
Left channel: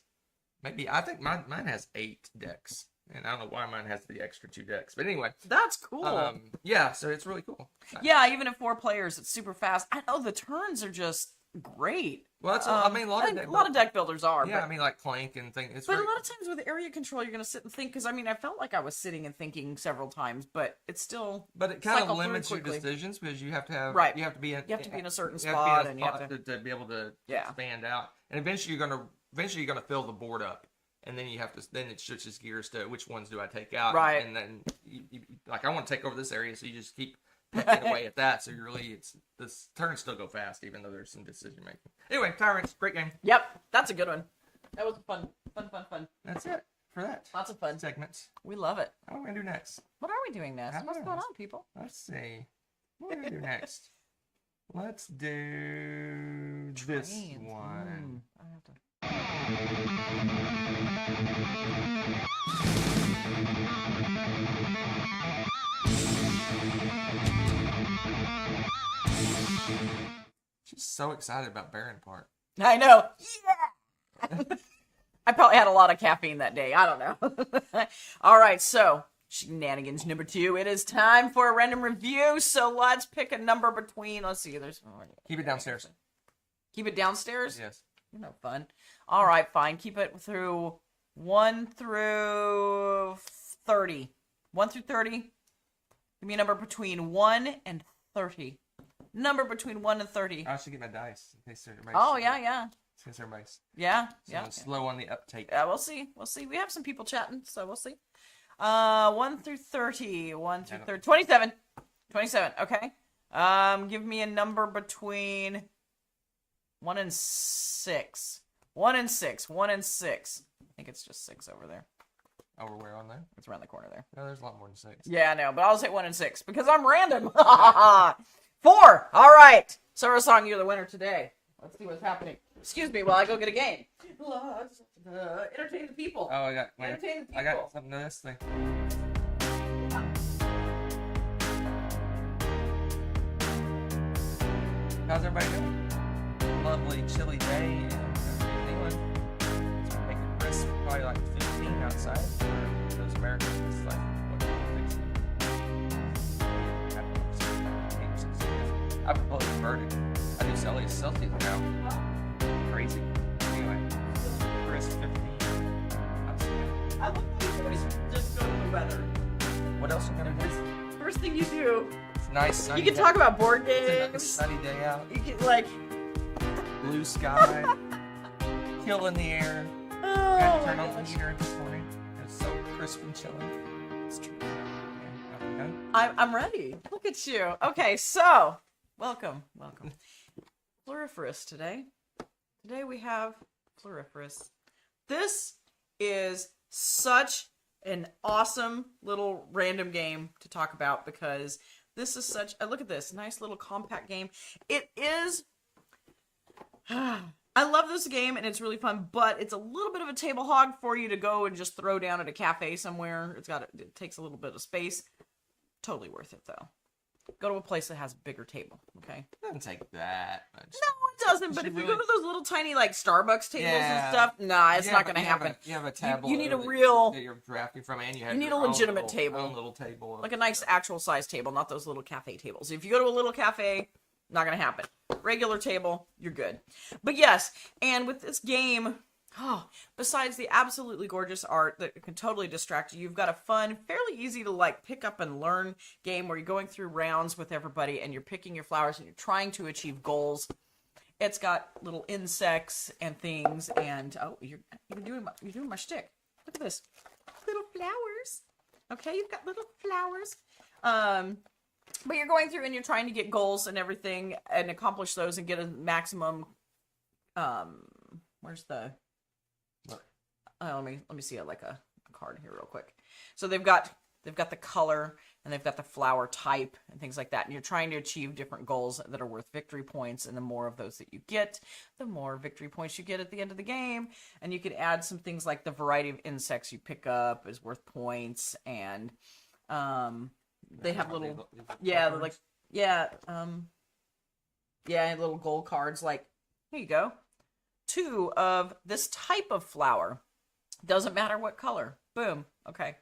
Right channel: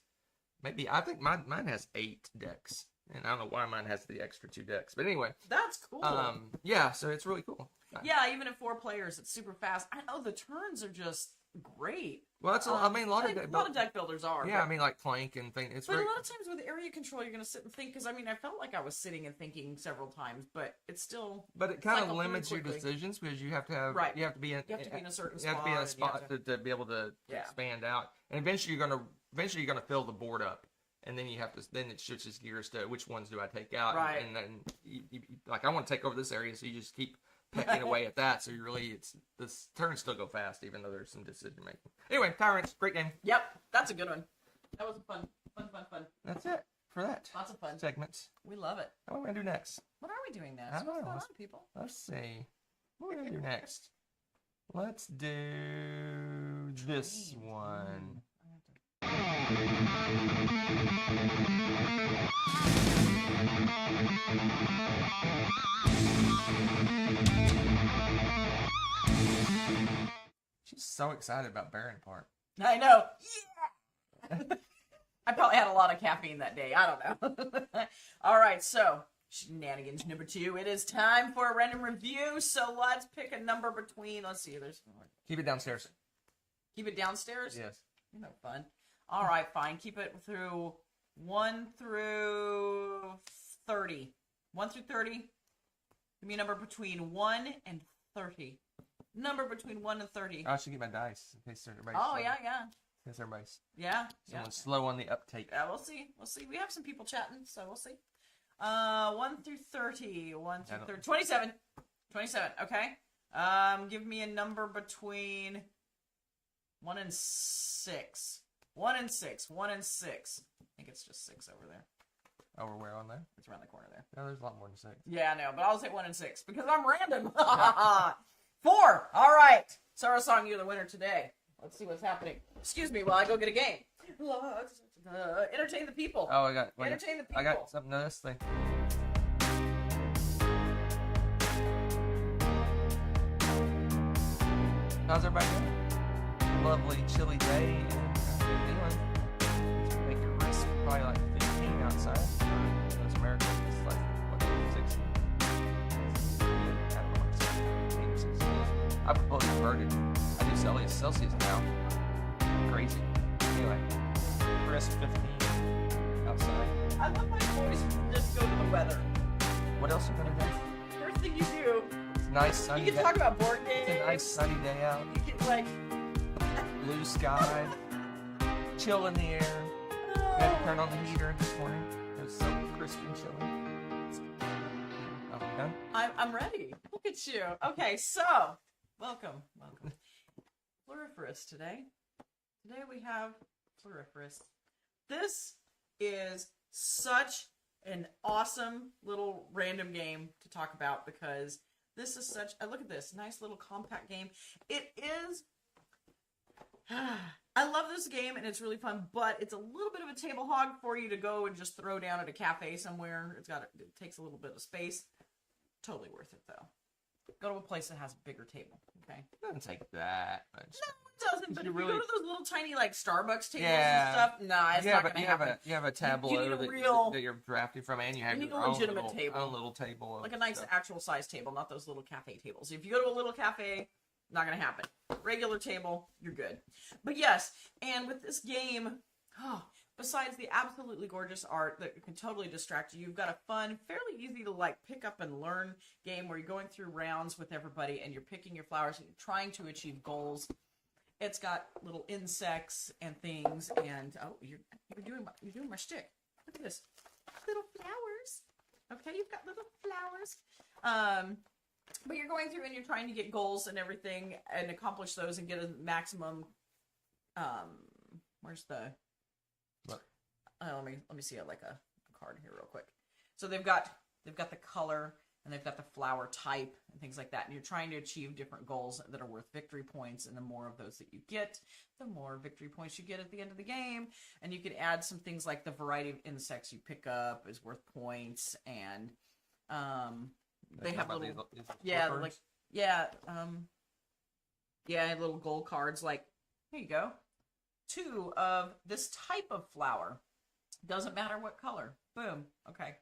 Maybe I think mine has 8 decks, and I don't know why mine has the extra 2 decks. But anyway, That's cool. yeah, so it's really cool. Yeah, even at 4 players, it's super fast. I know the turns are just great. Well, that's I mean a lot of deck builders are. Yeah, but, I mean like Clank and things. but a lot of times with area control, you're gonna sit and think. Because I mean, I felt like I was sitting and thinking several times, but it's still. But it kind cycle of through limits your quickly. decisions because you have to have Right. You have to be in a certain you have spot, to and be in you a have spot to be able to Yeah. expand out, and eventually you're gonna fill the board up, and then it switches gears to which ones do I take out, Right. And then you like I want to take over this area, so you just keep pecking away at that. So this turns still go fast, even though there's some decision making. Anyway, Tyrants, great game. Yep, that's a good one. That was fun. That's it for that. Lots of fun. Segments. We love it. What am I gonna do next? What are we doing next? I don't What's know. going on, people? Let's see. What do I do next? Let's do this Trains. one. I have to. She's so excited about Baron Park. I know. Yeah. I probably had a lot of caffeine that day. I don't know. All right, so shenanigans number 2. It is time for a random review. So let's pick a number between. Let's see. Keep it downstairs. Keep it downstairs. Yes. You're no fun. All right, fine. Keep it through 1 through 30. 1 through 30. Give me a number between 1 and 30. Number between 1 and 30. I should get my dice in case everybody's Oh, slow. yeah. In case everybody's Yeah. slow on the uptake. We'll see. We have some people chatting, so we'll see. 1 through 30. 1 through 30. 27. 27. Okay. Give me a number between 1 and 6. 1 and 6. 1 and 6. I think it's just 6 over there. Over where on there? It's around the corner there. Yeah, there's a lot more than 6. Yeah, I know, but I'll say 1 and 6 because I'm random. 4. All right. Sarah Song, you're the winner today. Let's see what's happening. Excuse me while I go get a game. Entertain the people. Oh, I got Entertain the people. I got something to this thing. How's everybody doing? Lovely chilly day in New Zealand. It's make it crisp, probably like 15 outside. Those Americans it's like 16. I propose converted. I do Celsius now. Crazy. Anyway, crisp 15 outside. I love how you always just go to the weather. What else are we gonna do? First thing you do. It's nice sunny. You can talk about board games. It's a nice sunny day out. You can like. Blue sky. Chill in the air. Oh, I had to turn on the heater this morning. It was so crisp and chilly. It's true. I'm done. I'm ready. Look at you. Okay, so welcome. Floriferous today. Today we have Floriferous. This is such an awesome little random game to talk about because this is such look at this nice little compact game. It is I love this game and it's really fun, but it's a little bit of a table hog for you to go and just throw down at a cafe somewhere. It takes a little bit of space. Totally worth it though. Go to a place that has a bigger table, okay? It doesn't take that much. No, it doesn't. But if you go to those little tiny like Starbucks tables and stuff, nah, it's not going to happen. You have a tablet. You need a real that you're drafting from, and you need a legitimate table, own little table, like a nice actual size table, not those little cafe tables. If you go to a little cafe, not going to happen. Regular table, you're good. But yes, and with this game, besides the absolutely gorgeous art that can totally distract you, you've got a fun, fairly easy to like pick up and learn game where you're going through rounds with everybody and you're picking your flowers and you're trying to achieve goals. It's got little insects and things, and you're doing my shtick. Look at this, little flowers. Okay, you've got little flowers. But you're going through and you're trying to get goals and everything and accomplish those and get a maximum. Where's the? Let me see it like a card here real quick. So they've got the color and they've got the flower type and things like that. And you're trying to achieve different goals that are worth victory points. And the more of those that you get, the more victory points you get at the end of the game. And you can add some things like the variety of insects you pick up is worth points. And they have little, little gold cards. Like, here you go. 2 of this type of flower. Doesn't matter what color. Boom. Okay.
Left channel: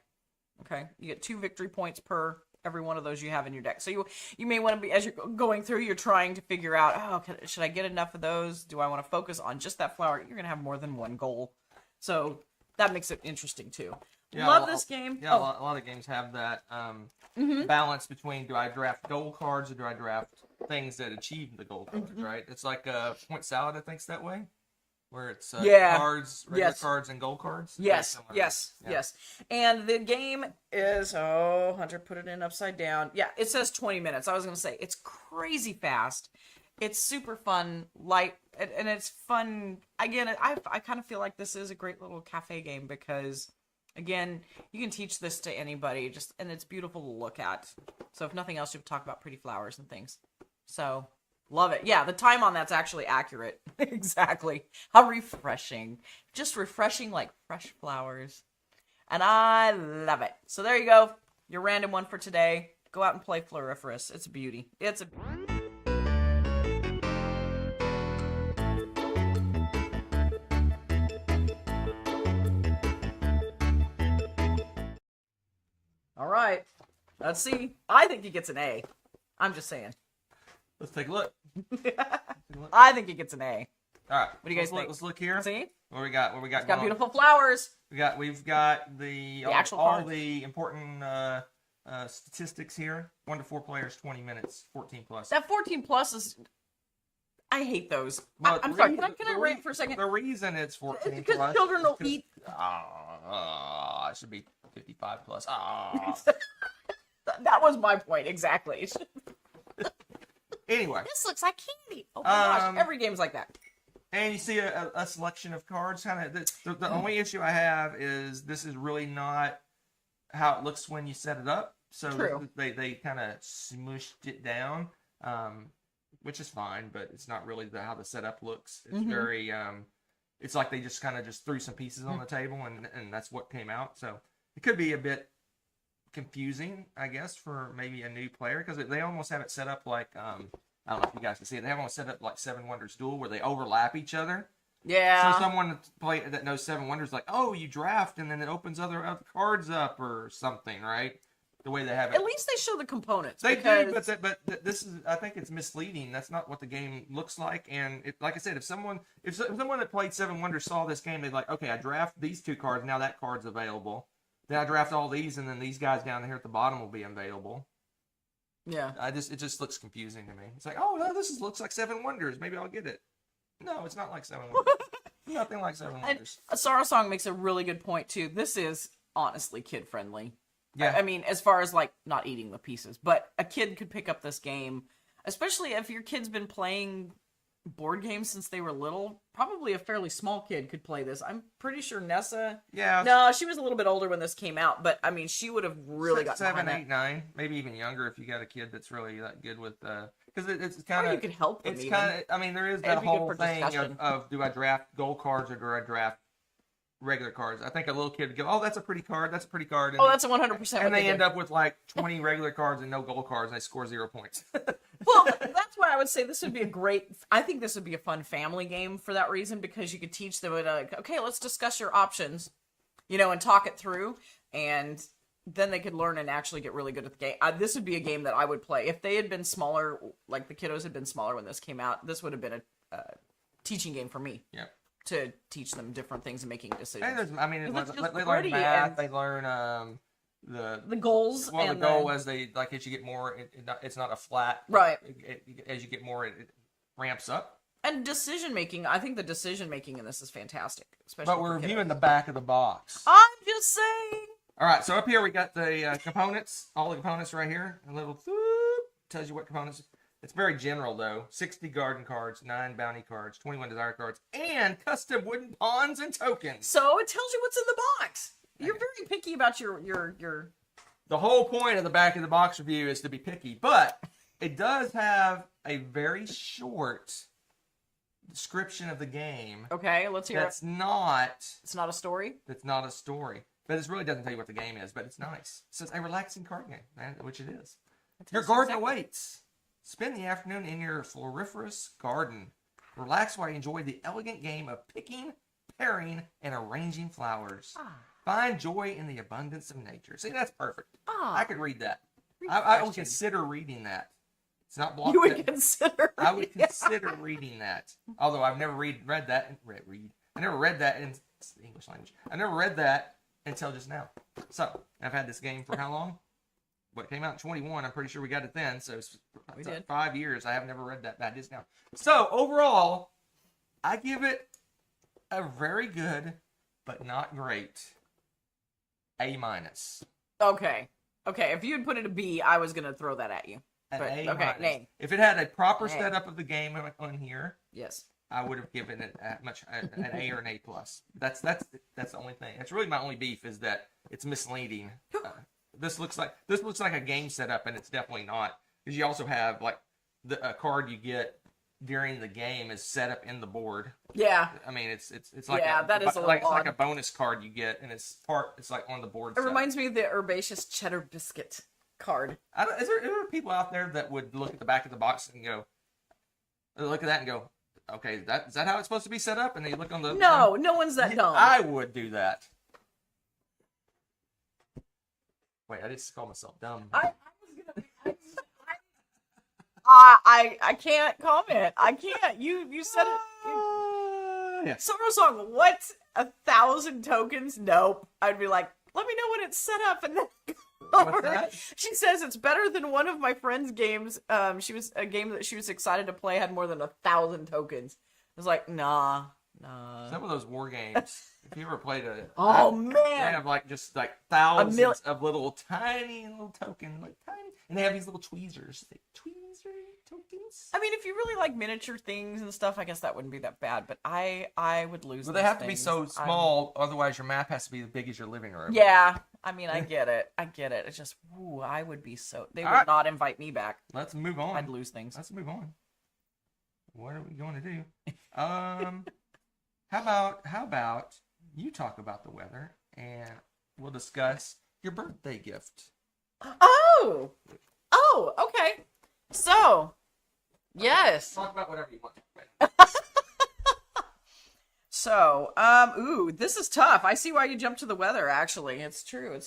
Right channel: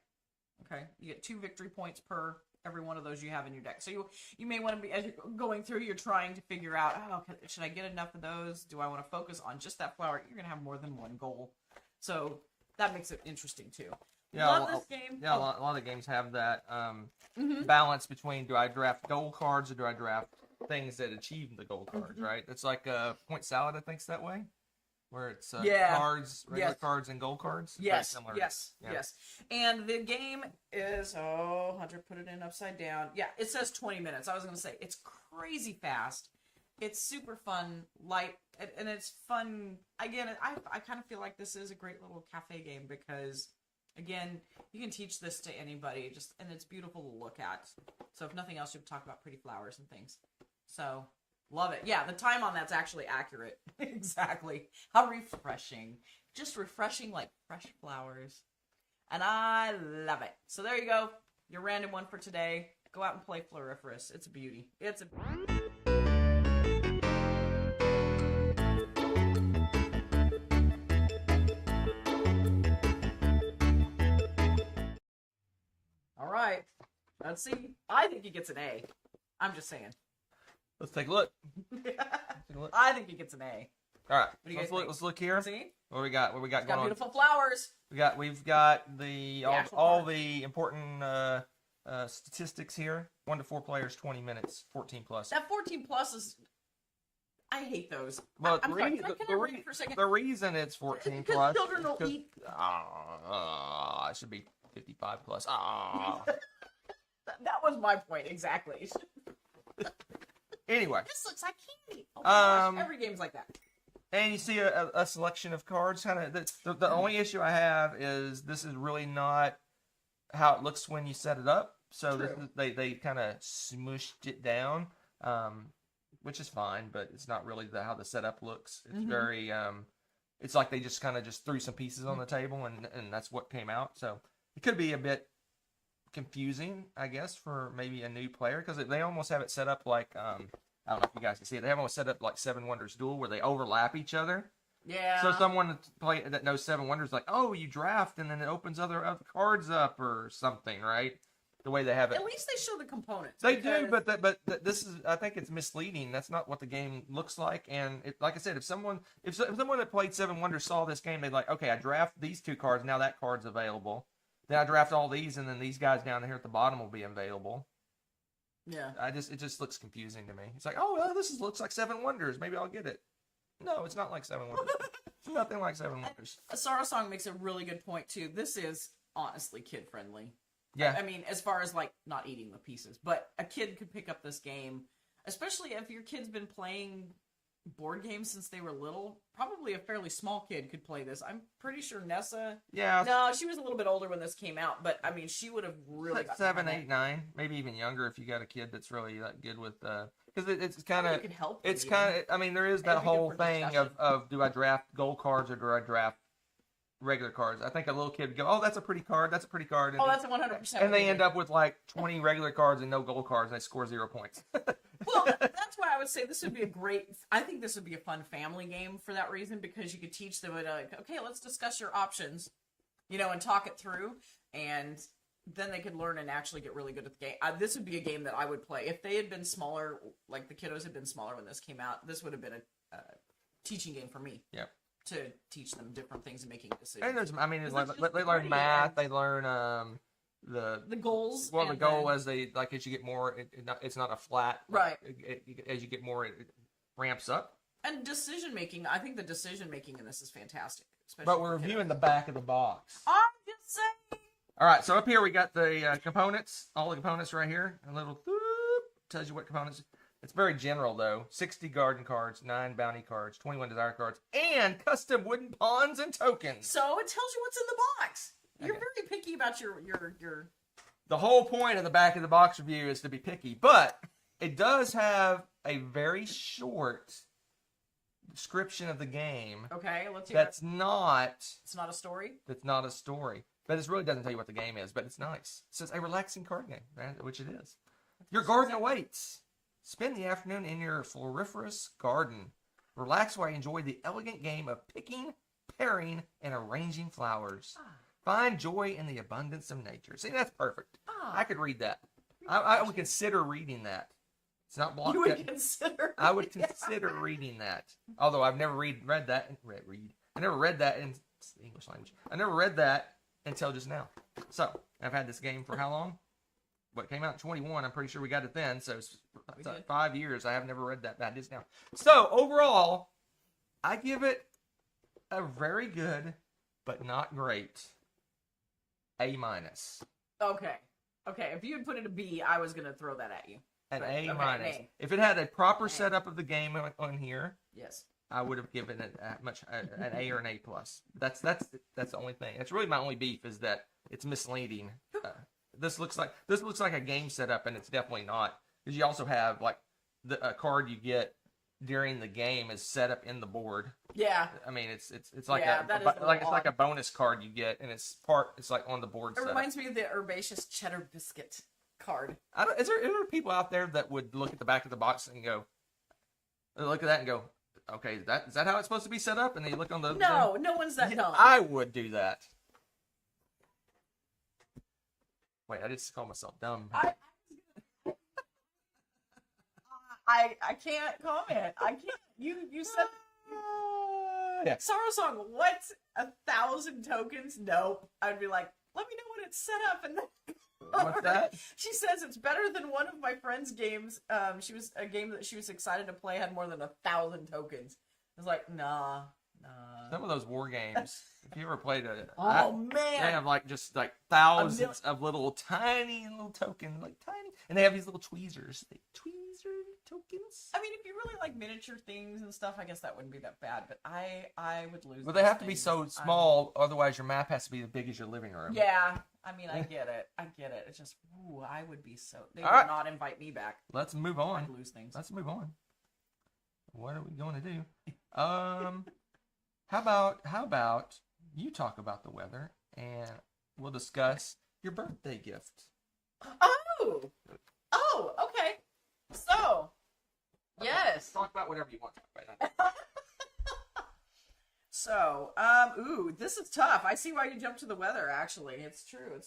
You get 2 victory points per every one of those you have in your deck. So you may want to be, as you're going through, you're trying to figure out, should I get enough of those? Do I want to focus on just that flower? You're going to have more than one goal. So that makes it interesting too. Yeah, love this game. Yeah, a lot of games have that balance between, do I draft gold cards or do I draft things that achieve the gold cards, right? It's like Point Salad, I think's that way. Where it's cards, regular cards, and gold cards. Yes. And the game is, Hunter put it in upside down. Yeah, it says 20 minutes. I was going to say, it's crazy fast. It's super fun, light, and it's fun. Again, I kind of feel like this is a great little cafe game because, again, you can teach this to anybody, and it's beautiful to look at. So if nothing else, you talk about pretty flowers and things. So... love it. Yeah, the time on that's actually accurate. Exactly. How refreshing. Just refreshing like fresh flowers. And I love it. So there you go. Your random one for today. Go out and play Floriferous. It's a beauty. All right. Let's see. I think he gets an A. I'm just saying. Let's take a look. I think he gets an A. All right. What do you guys think? Let's look here. See? What we got? It's got beautiful flowers. We've got all card. the important statistics here. 1 to 4 players, 20 minutes, 14 plus. That 14 plus is. I hate those. Well, I'm sorry. Can I rant for a second? The reason it's 14 because plus. Children will eat. It should be 55 plus. That was my point exactly. Anyway, this looks like candy. Oh my gosh! Every game's like that. And you see a selection of cards. The only issue I have is this is really not how it looks when you set it up. So True. They kind of smooshed it down, which is fine, but it's not really how the setup looks. It's very it's like they just kind of just threw some pieces on the table, and that's what came out. So it could be a bit confusing, I guess, for maybe a new player, because they almost have it set up like I don't know if you guys can see it. They have almost set up like Seven Wonders Duel, where they overlap each other. Yeah. So someone that knows Seven Wonders, like, oh, you draft, and then it opens other cards up or something, right? The way they have it. At least they show the components. They do, but this is, I think it's misleading. That's not what the game looks like. And like I said, if someone that played Seven Wonders saw this game, they'd like, okay, I draft these 2 cards, now that card's available. Then I draft all these, and then these guys down here at the bottom will be available. Yeah. It just looks confusing to me. It's like, oh, well, looks like Seven Wonders. Maybe I'll get it. No, it's not like Seven Wonders. It's nothing like Seven Wonders. And Sorrow Song makes a really good point too. This is honestly kid friendly. Yeah. I mean, as far as like not eating the pieces, but a kid could pick up this game, especially if your kid's been playing board games since they were little. Probably a fairly small kid could play this. I'm pretty sure Nessa. Yeah. No, she was a little bit older when this came out, but I mean, she would have really got 7, 8, 9, maybe even younger if you got a kid that's really that good with because it's kind of you could help them. It's kind of, I mean, there is that whole thing of do I draft gold cards or do I draft regular cards? I think a little kid would go, oh, that's a pretty card, and oh, that's 100%. And they end up with like 20 regular cards and no gold cards, and they score 0 points. Well, that's why I would say this would be I think this would be a fun family game for that reason, because you could teach them, like, okay, let's discuss your options, and talk it through, and then they could learn and actually get really good at the game. This would be a game that I would play. If they had been smaller, like the kiddos had been smaller when this came out, this would have been a teaching game for me. Yep. To teach them different things and making decisions. And they learn math, they learn the goals. Well, the goal as you get more, it's not a flat. Right. As you get more, it ramps up. And decision making, I think the decision making in this is fantastic. Especially but we're reviewing the back of the box. I'm just saying. All right, so up here we got the components, all the components right here. A little tells you what components. It's very general, though. 60 garden cards, 9 bounty cards, 21 desire cards, and custom wooden pawns and tokens. So it tells you what's in the box. You're very picky about your... The whole point of the back of the box review is to be picky, but it does have a very short description of the game. Okay, let's hear it. It's not a story. That's not a story. But it really doesn't tell you what the game is, but it's nice. It says a relaxing card game, which it is. Your garden awaits. Spend the afternoon in your floriferous garden. Relax while you enjoy the elegant game of picking, pairing, and arranging flowers. Find joy in the abundance of nature. See, that's perfect. I could read that. I would consider reading that. It's not blocked. You would consider. I would consider reading that. Although I've never read that. I never read that in the English language. I never read that until just now. So I've had this game for how long? What came out in 21? I'm pretty sure we got it then. So it's 5 years. I have never read that bad just now. So overall, I give it a very good, but not great A-. Okay. If you had put it a B, I was gonna throw that at you. An A-. Okay, if it had a proper setup of the game on here, yes, I would have given it an A or an A+. That's the only thing. That's really my only beef is that it's misleading. This looks like a game setup, and it's definitely not, because you also have like a card you get during the game is set up in the board. Yeah. I mean, it's like it's like a bonus card you get, and it's like on the board. It reminds me of the herbaceous cheddar biscuit card. Is there people out there that would look at the back of the box and look at that and go, okay, is that how it's supposed to be set up? And they look on the no one's that dumb. I would do that. Wait, I just called myself dumb. I can't comment. I can't. You said it. Yeah. Sorrow Song, what's 1,000 tokens? Nope. I'd be like, let me know when it's set up, and then what's that? She says it's better than one of my friend's games. She was a game that she was excited to play had more than 1,000 tokens. I was like, nah. Some of those war games. If you ever played it, man, they have just thousands of little tiny tokens, and they have these little tweezers. Tweezer tokens. I mean, if you really like miniature things and stuff, I guess that wouldn't be that bad. But I would lose. Well, they have to be so small, otherwise your map has to be as big as your living room. Yeah, I mean, I get it. It's just, I would be so. They would not invite me back. Let's move on. I'd lose things. Let's move on. What are we going to do? How about you talk about the weather and we'll discuss your birthday gift. Oh, okay. So, yes. Talk about whatever you want. So, ooh, this is tough. I see why you jumped to the weather, actually. It's true.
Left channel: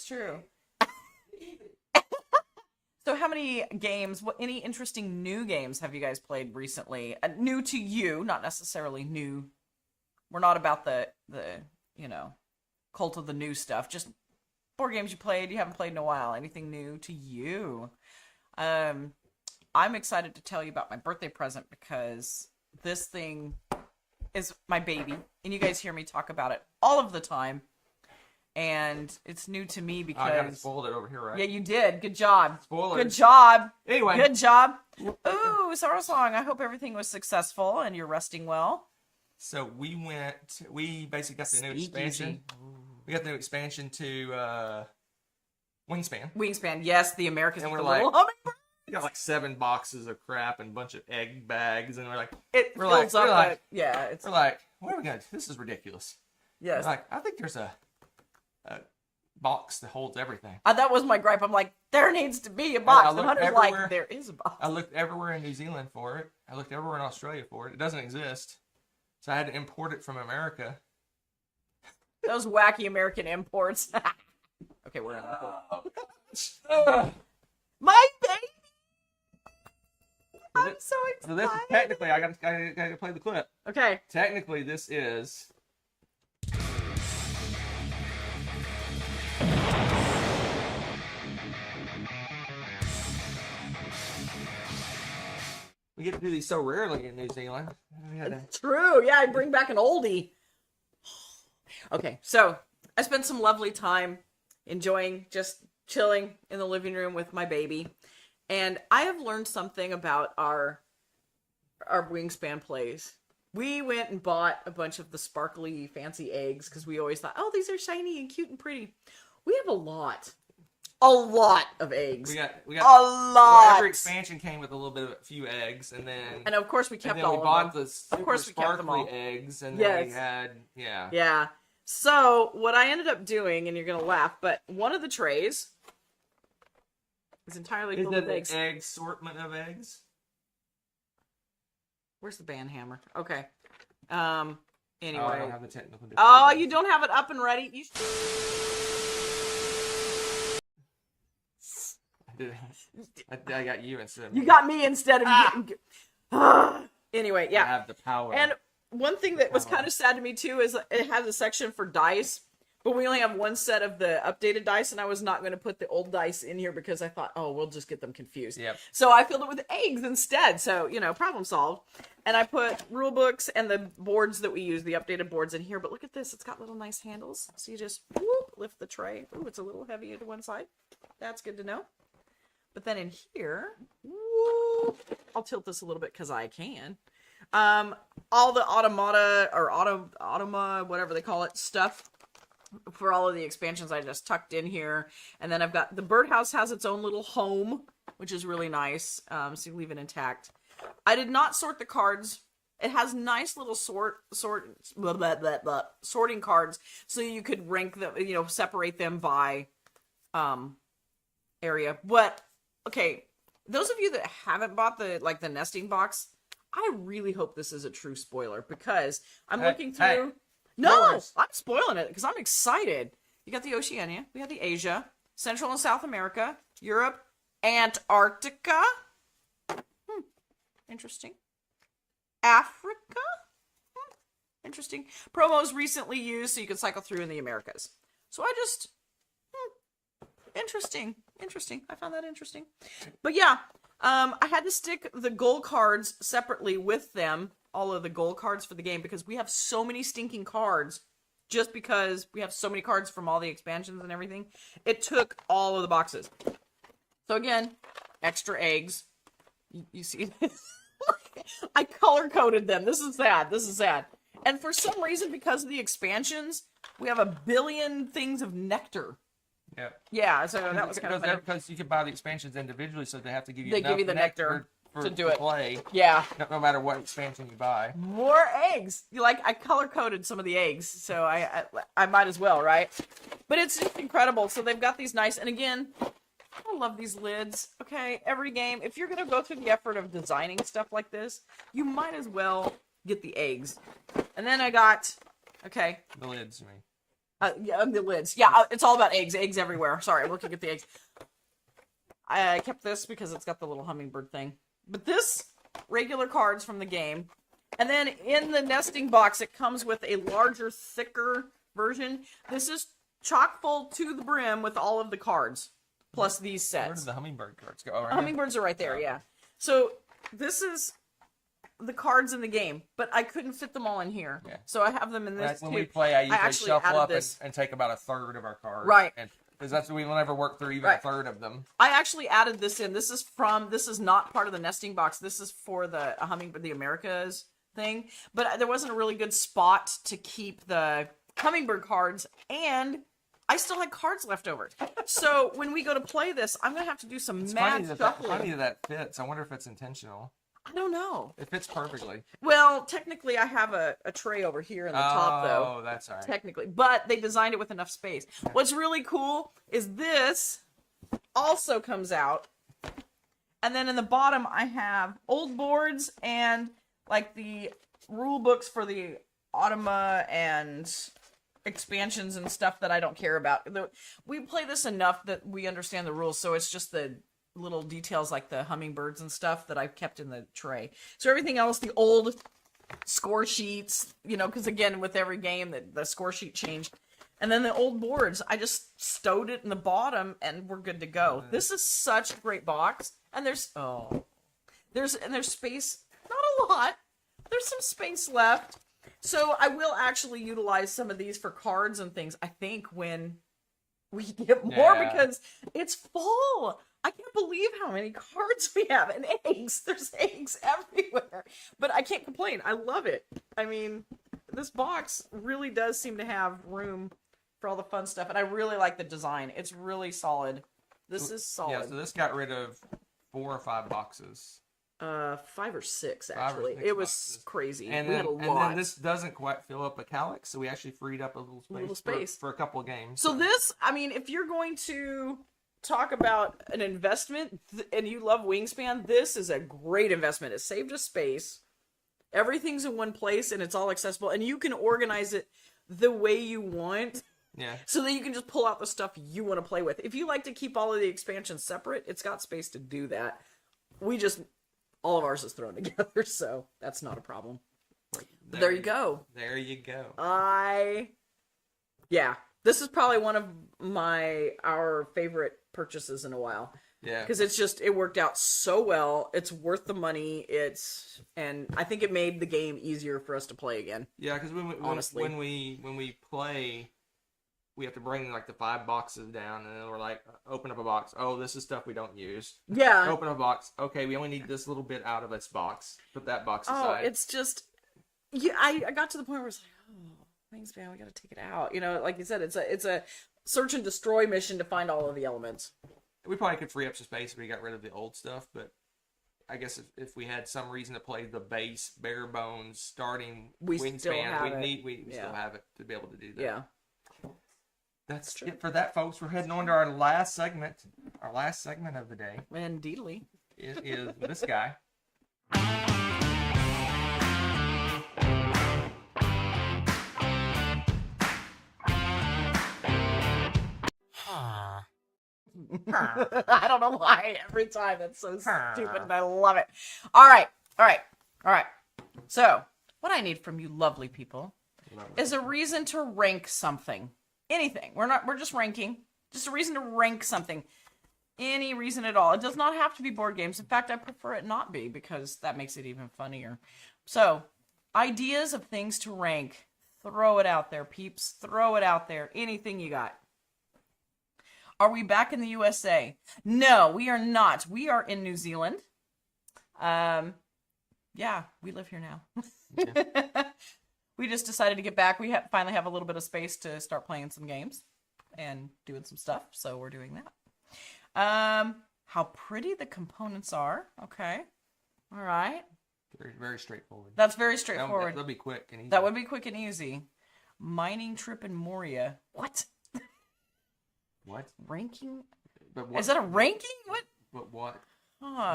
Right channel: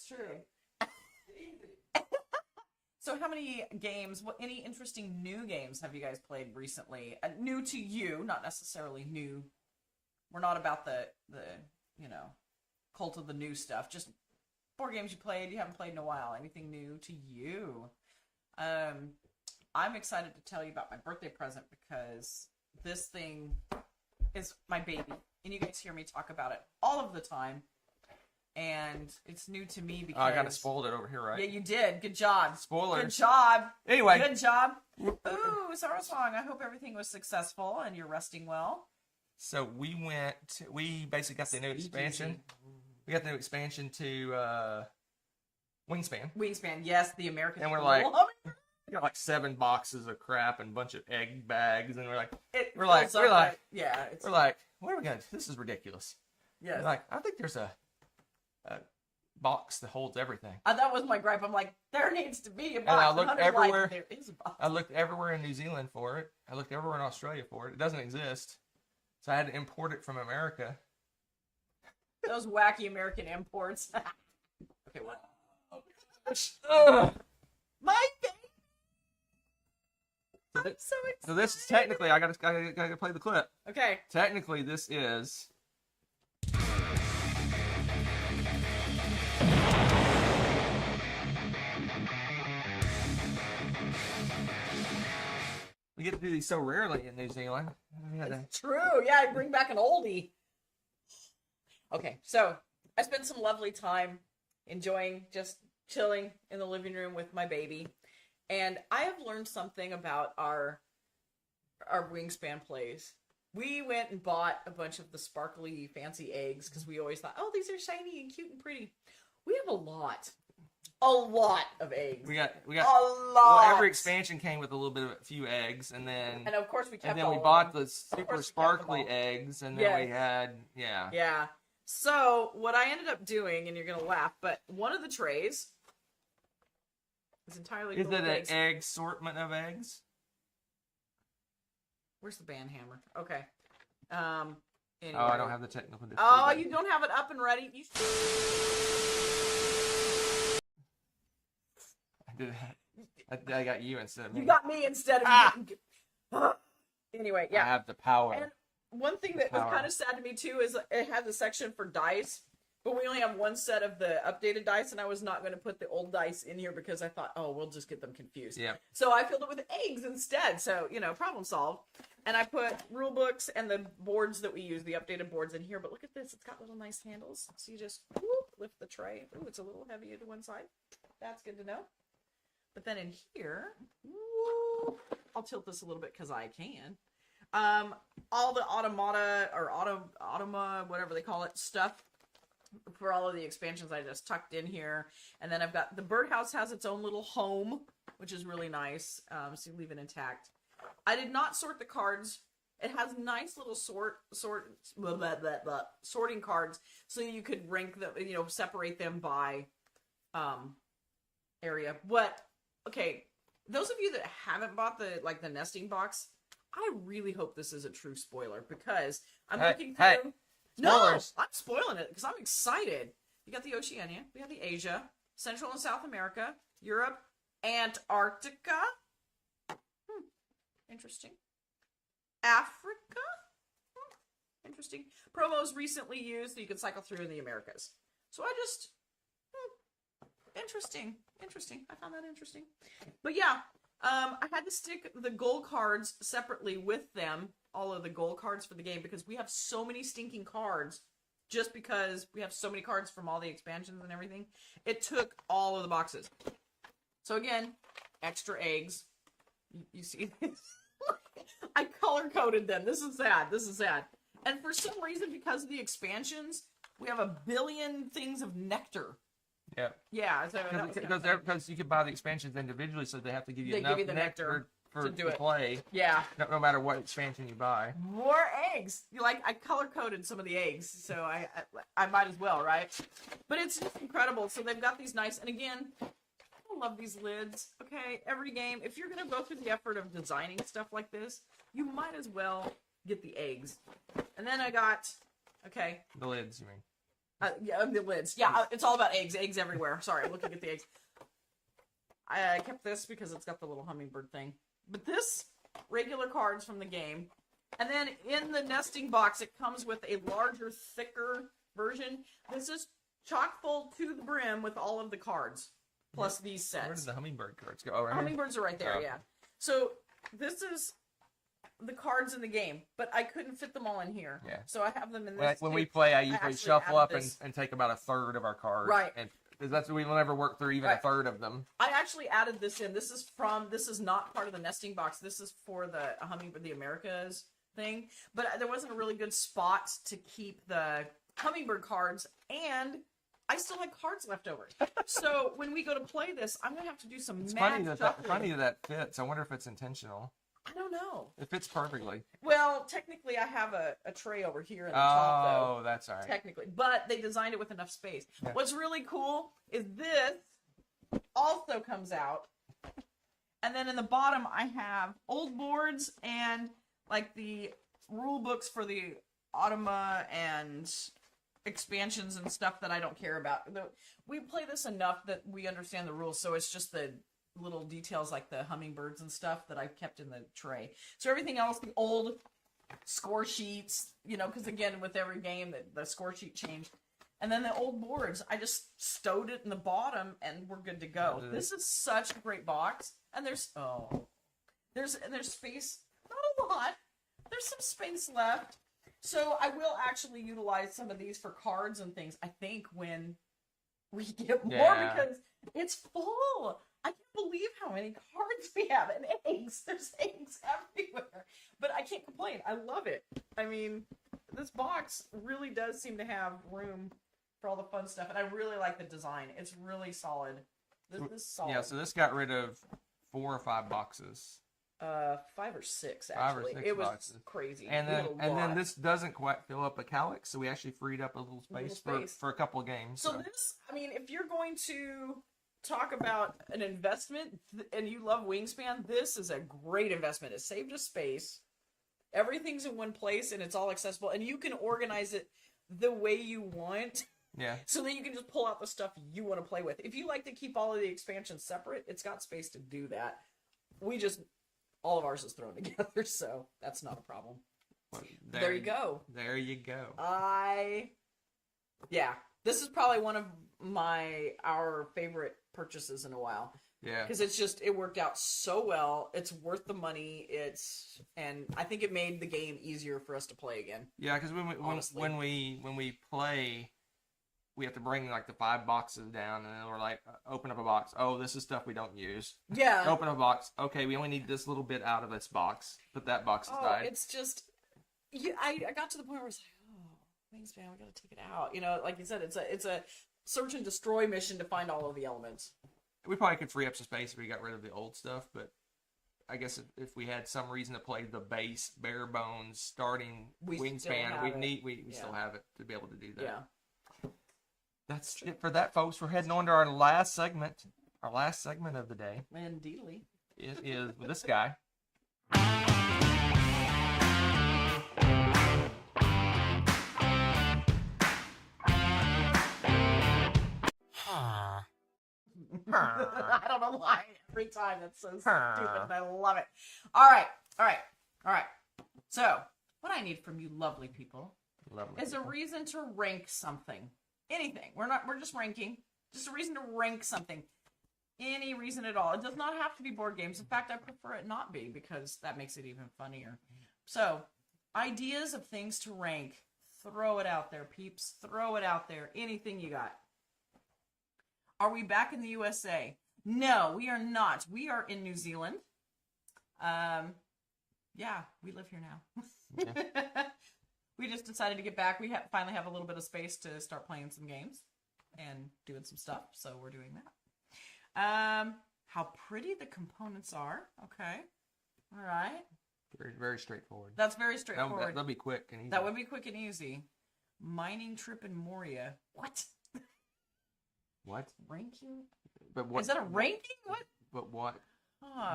So how many games, any interesting new games have you guys played recently? New to you, not necessarily new. We're not about the cult of the new stuff. Just board games you played, you haven't played in a while. Anything new to you? I'm excited to tell you about my birthday present because this thing is my baby. And you guys hear me talk about it all of the time. And it's new to me because... I kind of spoiled it over here, right? Yeah, you did. Good job. Spoilers. Good job. Anyway. Good job. Ooh, Sorrow Song. I hope everything was successful and you're resting well. So we basically got the new expansion. We got the new expansion to Wingspan. Wingspan, yes, the Americans. And we're the like, little hummingbird. we got like 7 boxes of crap and a bunch of egg bags, and we're like, It we're fills like, up. Yeah, it's we're like, what are we gonna? This is ridiculous. yes. We're like, I think there's a box that holds everything. That was my gripe. I'm like, there needs to be a I box. The looked Hunter's everywhere. like, there is a box. I looked everywhere in New Zealand for it. I looked everywhere in Australia for it. It doesn't exist. So I had to import it from America. Those wacky American imports. Okay, we're Ugh. my baby. So I'm thi- so excited. So this is technically, I gotta play the clip. Okay. Technically, this is. We get to do these so rarely in New Zealand. It's true. Yeah, I bring back an oldie. Okay, so I spent some lovely time enjoying just chilling in the living room with my baby. And I have learned something about our Wingspan plays. We went and bought a bunch of the sparkly fancy eggs because we always thought, oh, these are shiny and cute and pretty. We have a lot of eggs. We got a lot. Well, every expansion came with a few eggs, and then And of course we kept and then all we of bought them. the super course we kept them sparkly all. eggs, and then we Yes. had Yeah. So what I ended up doing, and you're gonna laugh, but one of the trays is entirely Is full it of an eggs. egg assortment of eggs? Where's the band hammer? Okay. Anyway. Oh, I don't have the technical. Oh, difficulty. you don't have it up and ready? You I got you instead of You me. got me instead of anyway, I yeah. have the power. And one thing that was Power. kind of sad to me too is it has a section for dice, but we only have one set of the updated dice, and I was not going to put the old dice in here because I thought, oh, we'll just get them confused. Yeah. So I filled it with eggs instead. So, problem solved. And I put rule books and the boards that we use, the updated boards in here. But look at this. It's got little nice handles. So you just lift the tray. Ooh, it's a little heavy to one side. That's good to know. But then in here, I'll tilt this a little bit because I can. All the automata or automa, whatever they call it, stuff for all of the expansions I just tucked in here. And then I've got the birdhouse has its own little home, which is really nice. So you leave it intact. I did not sort the cards. It has nice little sorting cards, so you could rank them, separate them by area. But okay, those of you that haven't bought the nesting box, I really hope this is a true spoiler because I'm looking through. Hey. No, Spoilers. I'm spoiling it because I'm excited. You got the Oceania, we have the Asia, Central and South America, Europe, Antarctica. Interesting. Africa. Interesting. Promos recently used so you can cycle through in the Americas. So I just interesting. I found that interesting. But yeah, I had to stick the goal cards separately with them, all of the goal cards for the game, because we have so many stinking cards just because we have so many cards from all the expansions and everything. It took all of the boxes. So again, extra eggs. You see I color-coded them. This is sad. And for some reason, because of the expansions, we have 1 billion things of nectar. Yeah. Yeah, so that was kind of funny. because you can buy the expansions individually, so they have to give you. They enough give you the nectar. to do it. Play. Yeah. No matter what expansion you buy. More eggs. I color coded some of the eggs, so I might as well, right? But it's just incredible. So they've got these nice, and again, I love these lids. Okay, every game, if you're gonna go through the effort of designing stuff like this, you might as well get the eggs. And then I got, okay, The lids, you mean? yeah, the lids. Yeah, it's all about eggs. Eggs everywhere. Sorry, I'm looking at the eggs. I kept this because it's got the little hummingbird thing. But this, regular cards from the game. And then in the nesting box, it comes with a larger, thicker version. This is chock full to the brim with all of the cards, plus these sets. Where did the hummingbird cards go? Oh, right. Hummingbirds are right there, Oh. yeah. So this is the cards in the game, but I couldn't fit them all in here. Yeah. So I have them in this When too. we play, I usually actually shuffle added up this. and take about a third of our cards. Right. Because that's we will never work through even Right. a third of them. I actually added this in. This is not part of the nesting box. This is for the hummingbird, the Americas thing. But there wasn't a really good spot to keep the hummingbird cards, and I still had cards left over. So when we go to play this, I'm gonna have to do some It's mad funny shuffling. that fits. I wonder if it's intentional. I don't know. It fits perfectly. Well, technically, I have a tray over here in the top, though. Oh, that's all right. Technically, but they designed it with enough space. Yeah. What's really cool is this also comes out, and then in the bottom I have old boards and like the rule books for the Automa and expansions and stuff that I don't care about. We play this enough that we understand the rules, so it's just the little details like the hummingbirds and stuff that I've kept in the tray. So everything else, the old score sheets, because again, with every game, the score sheet changed. And then the old boards, I just stowed it in the bottom and we're good to go. This is such a great box. And there's space, not a lot. There's some space left. So I will actually utilize some of these for cards and things, I think, when we get more, Yeah. because it's full. I can't believe how many cards we have, and eggs. There's eggs everywhere. But I can't complain. I love it. I mean, this box really does seem to have room for all the fun stuff, and I really like the design. It's really solid. This is solid. Yeah, so this got rid of 4 or 5 boxes. 5 or 6 5 or actually. 6 It was boxes. crazy. And we then, had a lot. and then this doesn't quite fill up a calyx, so we actually freed up a little space, For a couple of games. So this, I mean, if you're going to talk about an investment and you love Wingspan, this is a great investment. It saved us space. Everything's in one place and it's all accessible, and you can organize it the way you want. Yeah. So that you can just pull out the stuff you want to play with. If you like to keep all of the expansions separate, it's got space to do that. All of ours is thrown together, so that's not a problem. There you go. There you go. Yeah, this is probably one of our favorite purchases in a while. Yeah. Because it worked out so well. It's worth the money. And I think it made the game easier for us to play again. Yeah, because honestly, when we play, we have to bring like the 5 boxes down, and then we're like, open up a box. Oh, this is stuff we don't use. Yeah. Open a box. Okay, we only need this little bit out of this box. Put that box aside. Oh, it's just, yeah. I got to the point where it's like, oh, Wingspan, we got to take it out. Like you said, it's a search and destroy mission to find all of the elements. We probably could free up some space if we got rid of the old stuff, but I guess if we had some reason to play the base, bare bones, starting We still Wingspan, have it. we Yeah. still have it to be able to do that. Yeah. That's it for that, folks. We're heading on to our last segment. Our last segment of the day Indeedly. is with this guy. I don't know why every time that's so stupid, and I love it. All right. So, what I need from you lovely people is a reason to rank something. Anything. We're just ranking. Just a reason to rank something. Any reason at all. It does not have to be board games. In fact, I prefer it not be, because that makes it even funnier. So, ideas of things to rank. Throw it out there, peeps. Throw it out there. Anything you got. Are we back in the USA? No, we are not. We are in New Zealand. Yeah, we live here now. Okay. We just decided to get back. We finally have a little bit of space to start playing some games and doing some stuff, so we're doing that. How pretty the components are. Okay. All right. Very, very straightforward. That's very straightforward. That'll be quick and easy. That would be quick and easy. Mining trip in Moria. What? What? Ranking? But what? Is that a ranking? What? But what?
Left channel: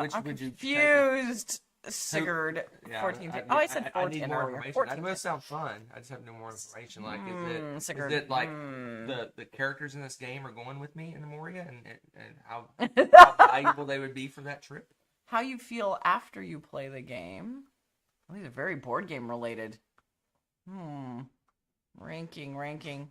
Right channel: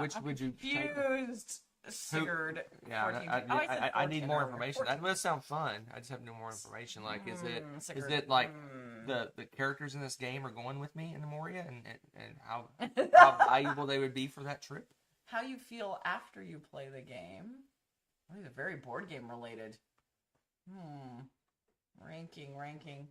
Which I'm would you confused. Sigurd. Sigurd. Yeah, 14. I said 14 I need more earlier. information. 14. That must sound fun. I just have no more information. Like, is Sigurd. it like the characters in this game are going with me in the Moria, and how valuable they would be for that trip? How you feel after you play the game? Well, these are very board game related. Ranking.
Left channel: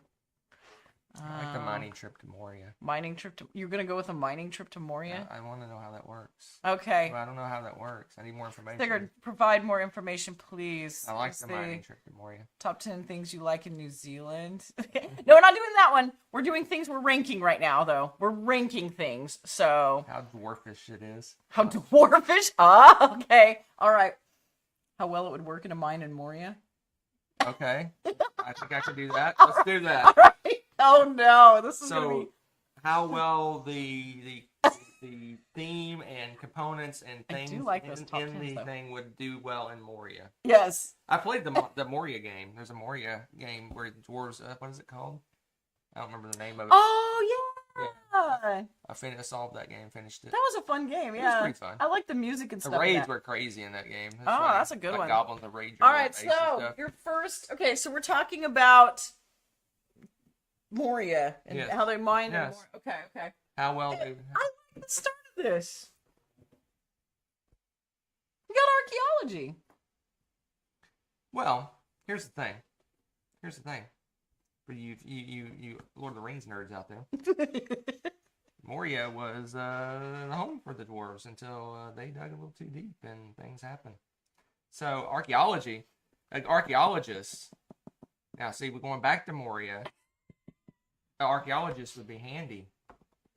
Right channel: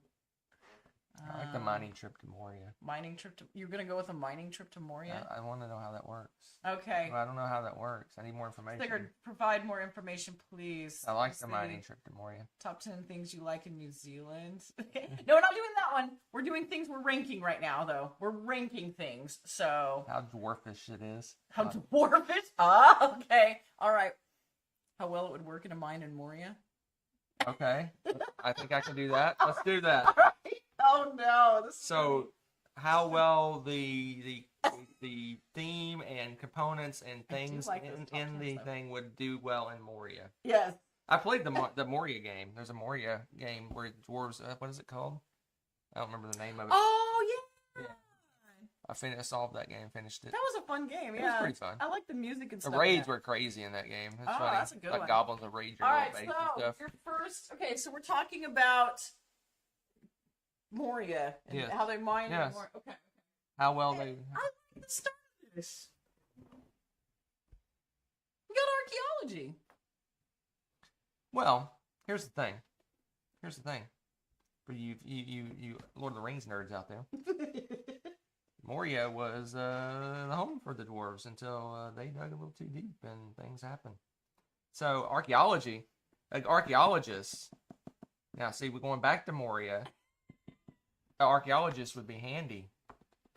I like the mining trip to Moria. Mining trip to... You're going to go with a mining trip to Moria? I want to know how that works. Okay. Well, I don't know how that works. I need more information. Sigurd, provide more information, please. I like the mining trip to Moria. Top 10 things you like in New Zealand. No, we're not doing that one. We're doing things we're ranking right now, though. We're ranking things, so... How dwarfish it is. How dwarfish? Ah, okay. All right. How well it would work in a mine in Moria? Okay. I think I can do that. Let's do that. All right. Oh, no. This is gonna be... how well the theme and components and things like in the thing would do well in Moria. Yes. I played the Moria game. There's a Moria game where the dwarves. What is it called? I don't remember the name of it. Oh yeah. I solved that game. Finished it. That was a fun game. Yeah. It was pretty fun. I like the music and The stuff. raids were crazy in that game. That's a good one. Goblins and raids. All right, so your first. Okay, so we're talking about Moria and how they mine. Yes. Okay. How well they. I like the start of this. We got archaeology. Well, here's the thing. For you Lord of the Rings nerds out there, Moria was the home for the dwarves until they dug a little too deep and things happened. So archaeologists. Now, see, we're going back to Moria. Archaeologists would be handy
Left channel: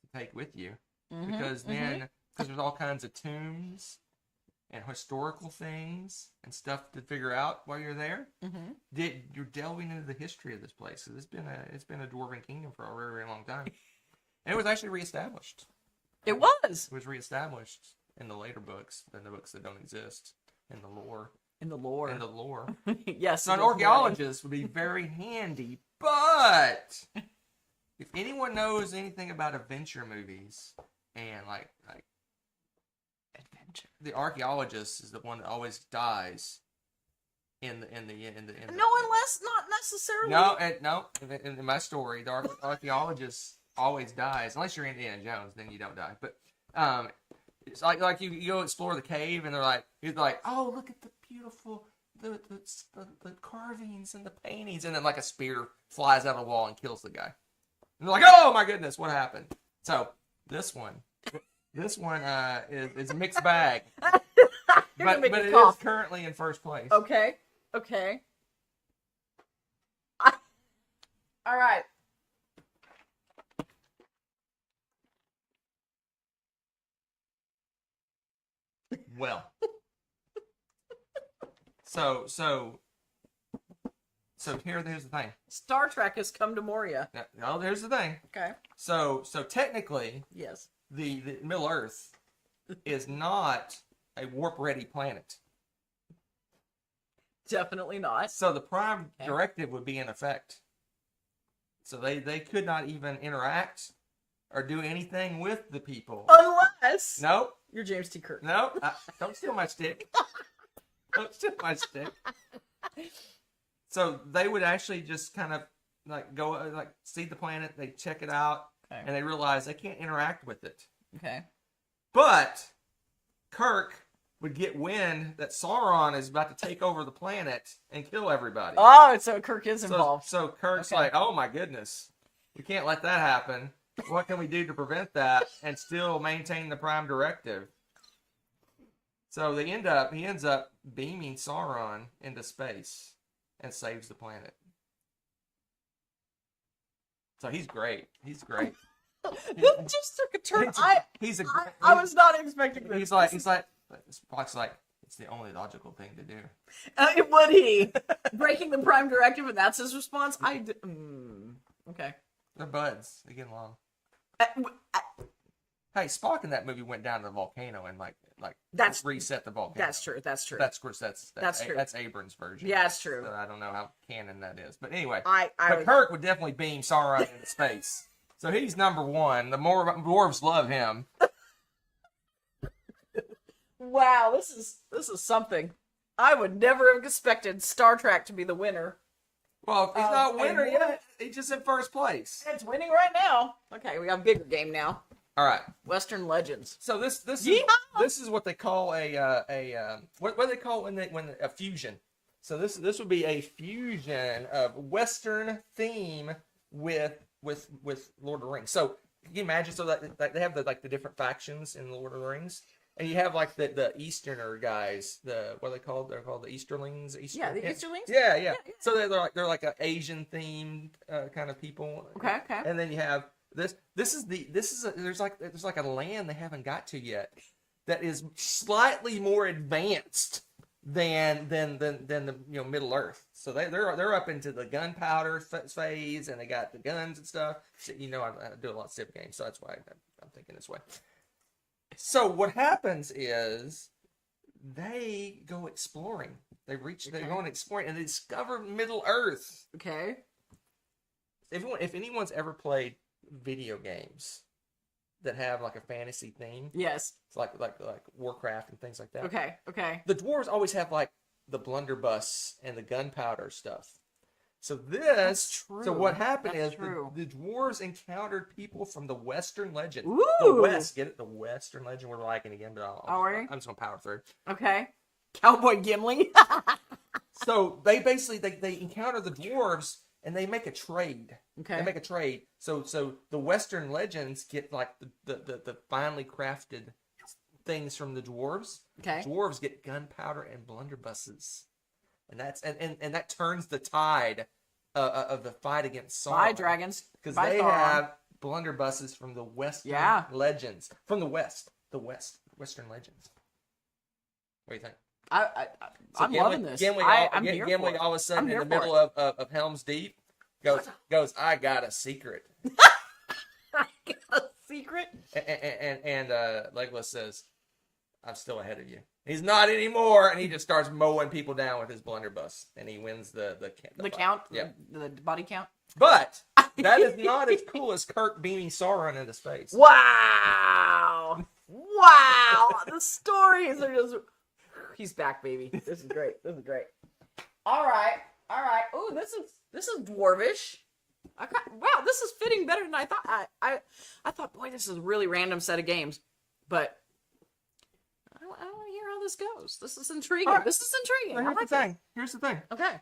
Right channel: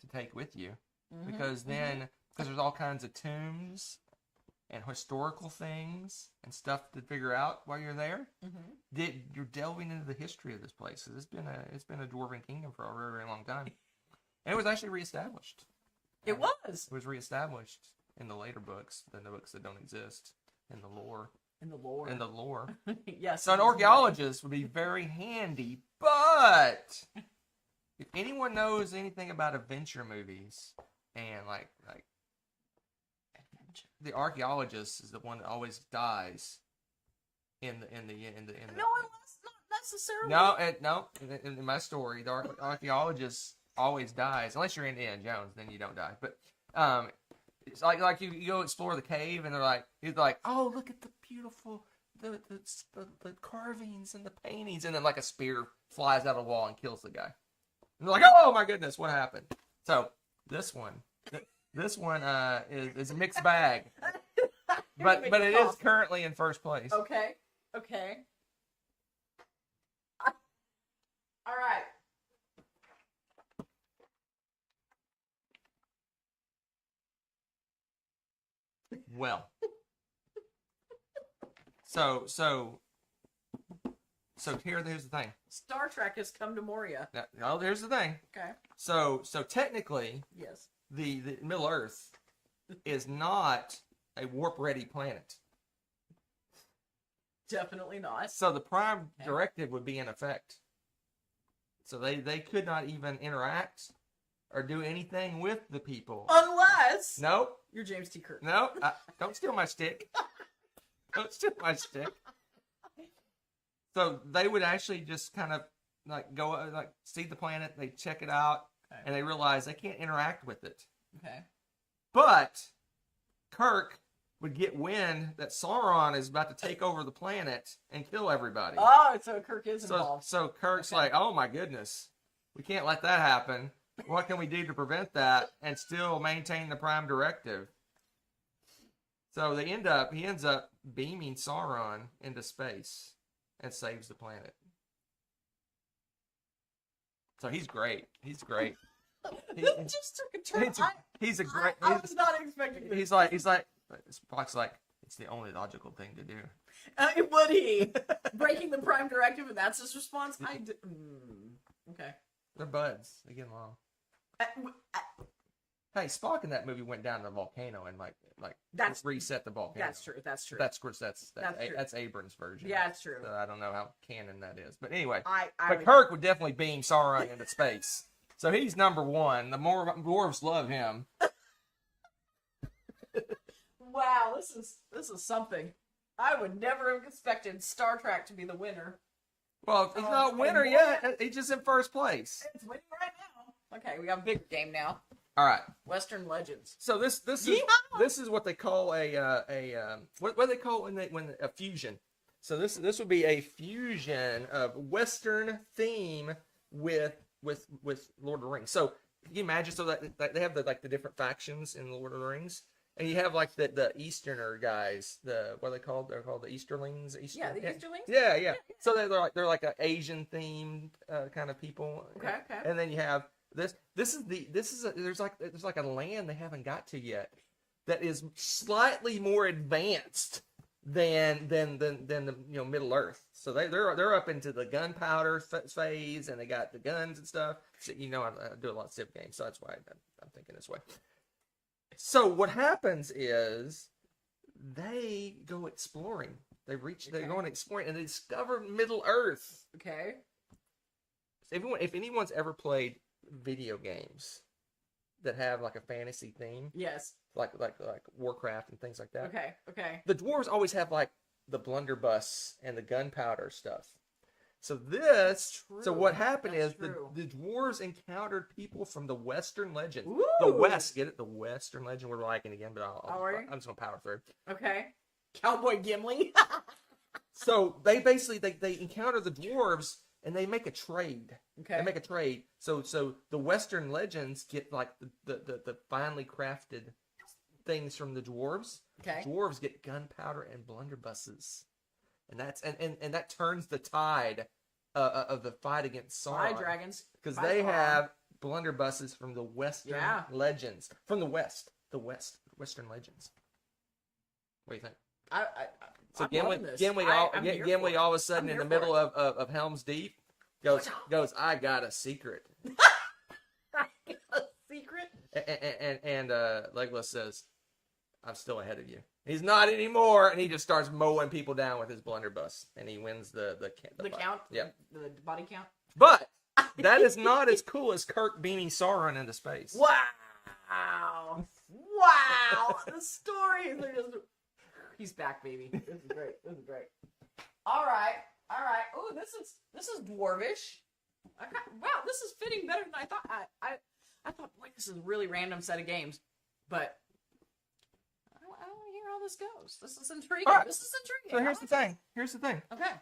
to take with you because there's all kinds of tombs and historical things and stuff to figure out while you're there. You're delving into the history of this place. So it's been a dwarven kingdom for a very, very long time, and it was actually reestablished. It was. It was reestablished in the later books, in the books that don't exist, in the lore. Yes. So an archaeologist would be very handy, but if anyone knows anything about adventure movies and like adventure, the archaeologist is the one that always dies in the not necessarily. No. In my story, the archaeologist always dies unless you're Indiana Jones. Then you don't die. But it's like you go explore the cave and he's like, oh, look at the beautiful the carvings and the paintings, and then like a spear flies out of the wall and kills the guy. And they're like, oh my goodness, what happened? So this one is a mixed bag, but it is currently in first place. Okay. All right. Well, so here's the thing. Star Trek has come to Moria. Here's the thing. Okay. So technically, yes, the Middle Earth is not a warp-ready planet. Definitely not. So the Prime Directive would be in effect. So they could not even interact or do anything with the people. Unless... Nope. You're James T. Kirk. Nope. Don't steal my stick. Don't steal my stick. So they would actually just kind of go see the planet, they check it out, and they realize they can't interact with it. Okay. But Kirk would get wind that Sauron is about to take over the planet and kill everybody. Oh, so Kirk is involved. So Kirk's like, oh my goodness, we can't let that happen. What can we do to prevent that and still maintain the Prime Directive? So he ends up beaming Sauron into space and saves the planet. So he's great. This just took a turn. He's a great. I was not expecting this. He's like, Spock's like, it's the only logical thing to do. Would he? Breaking the Prime Directive, and that's his response? Okay. They're buds. They get along. Hey, Spock in that movie went down to the volcano and like That's reset the volcano. That's true. That's true. That's of course that's true. That's Abrams' version. Yeah, that's true. So I don't know how canon that is, but anyway, I Kirk would definitely beam Sauron into space. So he's number one. The more dwarves love him. Wow, this is something. I would never have expected Star Trek to be the winner. Well, he's not winner yet. He's just in first place. It's winning right now. Okay, we got a bigger game now. All right. Western Legends. So this is what they call what do they call when a fusion. So this would be a fusion of Western theme with Lord of the Rings. So can you imagine? So that they have the different factions in the Lord of the Rings. And you have like the Easterner guys, what are they called? They're called the Easterlings. Yeah, the Easterlings. Yeah. So they're like an Asian themed kind of people. Okay. And then you have there's like a land they haven't got to yet that is slightly more advanced than the Middle Earth. So they're up into the gunpowder phase, and they got the guns and stuff. So, I do a lot of Civ games, so that's why I'm thinking this way. So what happens is they go exploring. They're going exploring and they discover Middle Earth. Okay. If anyone's ever played video games that have like a fantasy theme, yes, it's like Warcraft and things like that. Okay. The dwarves always have like the blunderbuss and the gunpowder stuff. So what happened is the dwarves encountered people from the Western legend. Ooh. The West, get it? The Western legend. We're liking again, but I'm just gonna power through. Okay. Cowboy Gimli. So they basically they encounter the dwarves and they make a trade. Okay. They make a trade. So the Western legends get like the finely crafted things from the dwarves. Okay. Dwarves get gunpowder and blunderbusses. And that's and that turns the tide of the fight against Sauron. By dragons. Because they have blunderbusses from the Western legends. From the Western legends. What do you think? I'm loving this. Gimli all of a sudden in the middle of Helm's Deep goes, I got a secret. I got a secret? And Legolas says, I'm still ahead of you. He's not anymore, and he just starts mowing people down with his blunderbuss, and he wins the count. Yeah, the body count. But that is not as cool as Kirk beaming Sauron into space. Wow! The stories are just. He's back, baby. This is great. All right. Ooh, this is dwarvish. Wow, this is fitting better than I thought. I thought, boy, this is a really random set of games, but. I want to hear how this goes. This is intriguing. Right. So here's the thing. Okay.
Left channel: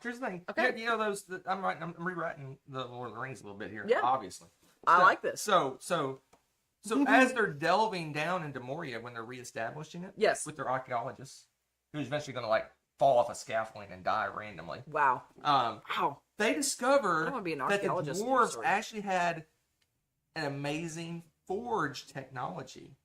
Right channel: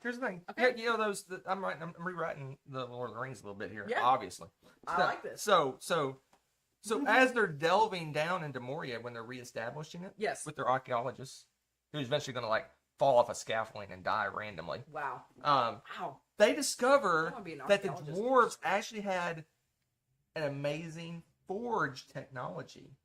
I'm rewriting the Lord of the Rings a little bit here. Yeah. Obviously. I like this. So as they're delving down into Moria when they're reestablishing it, yes, with their archaeologists, who's eventually going to like fall off a scaffolding and die randomly. Wow. They discover that the dwarves story. actually had an amazing forge technology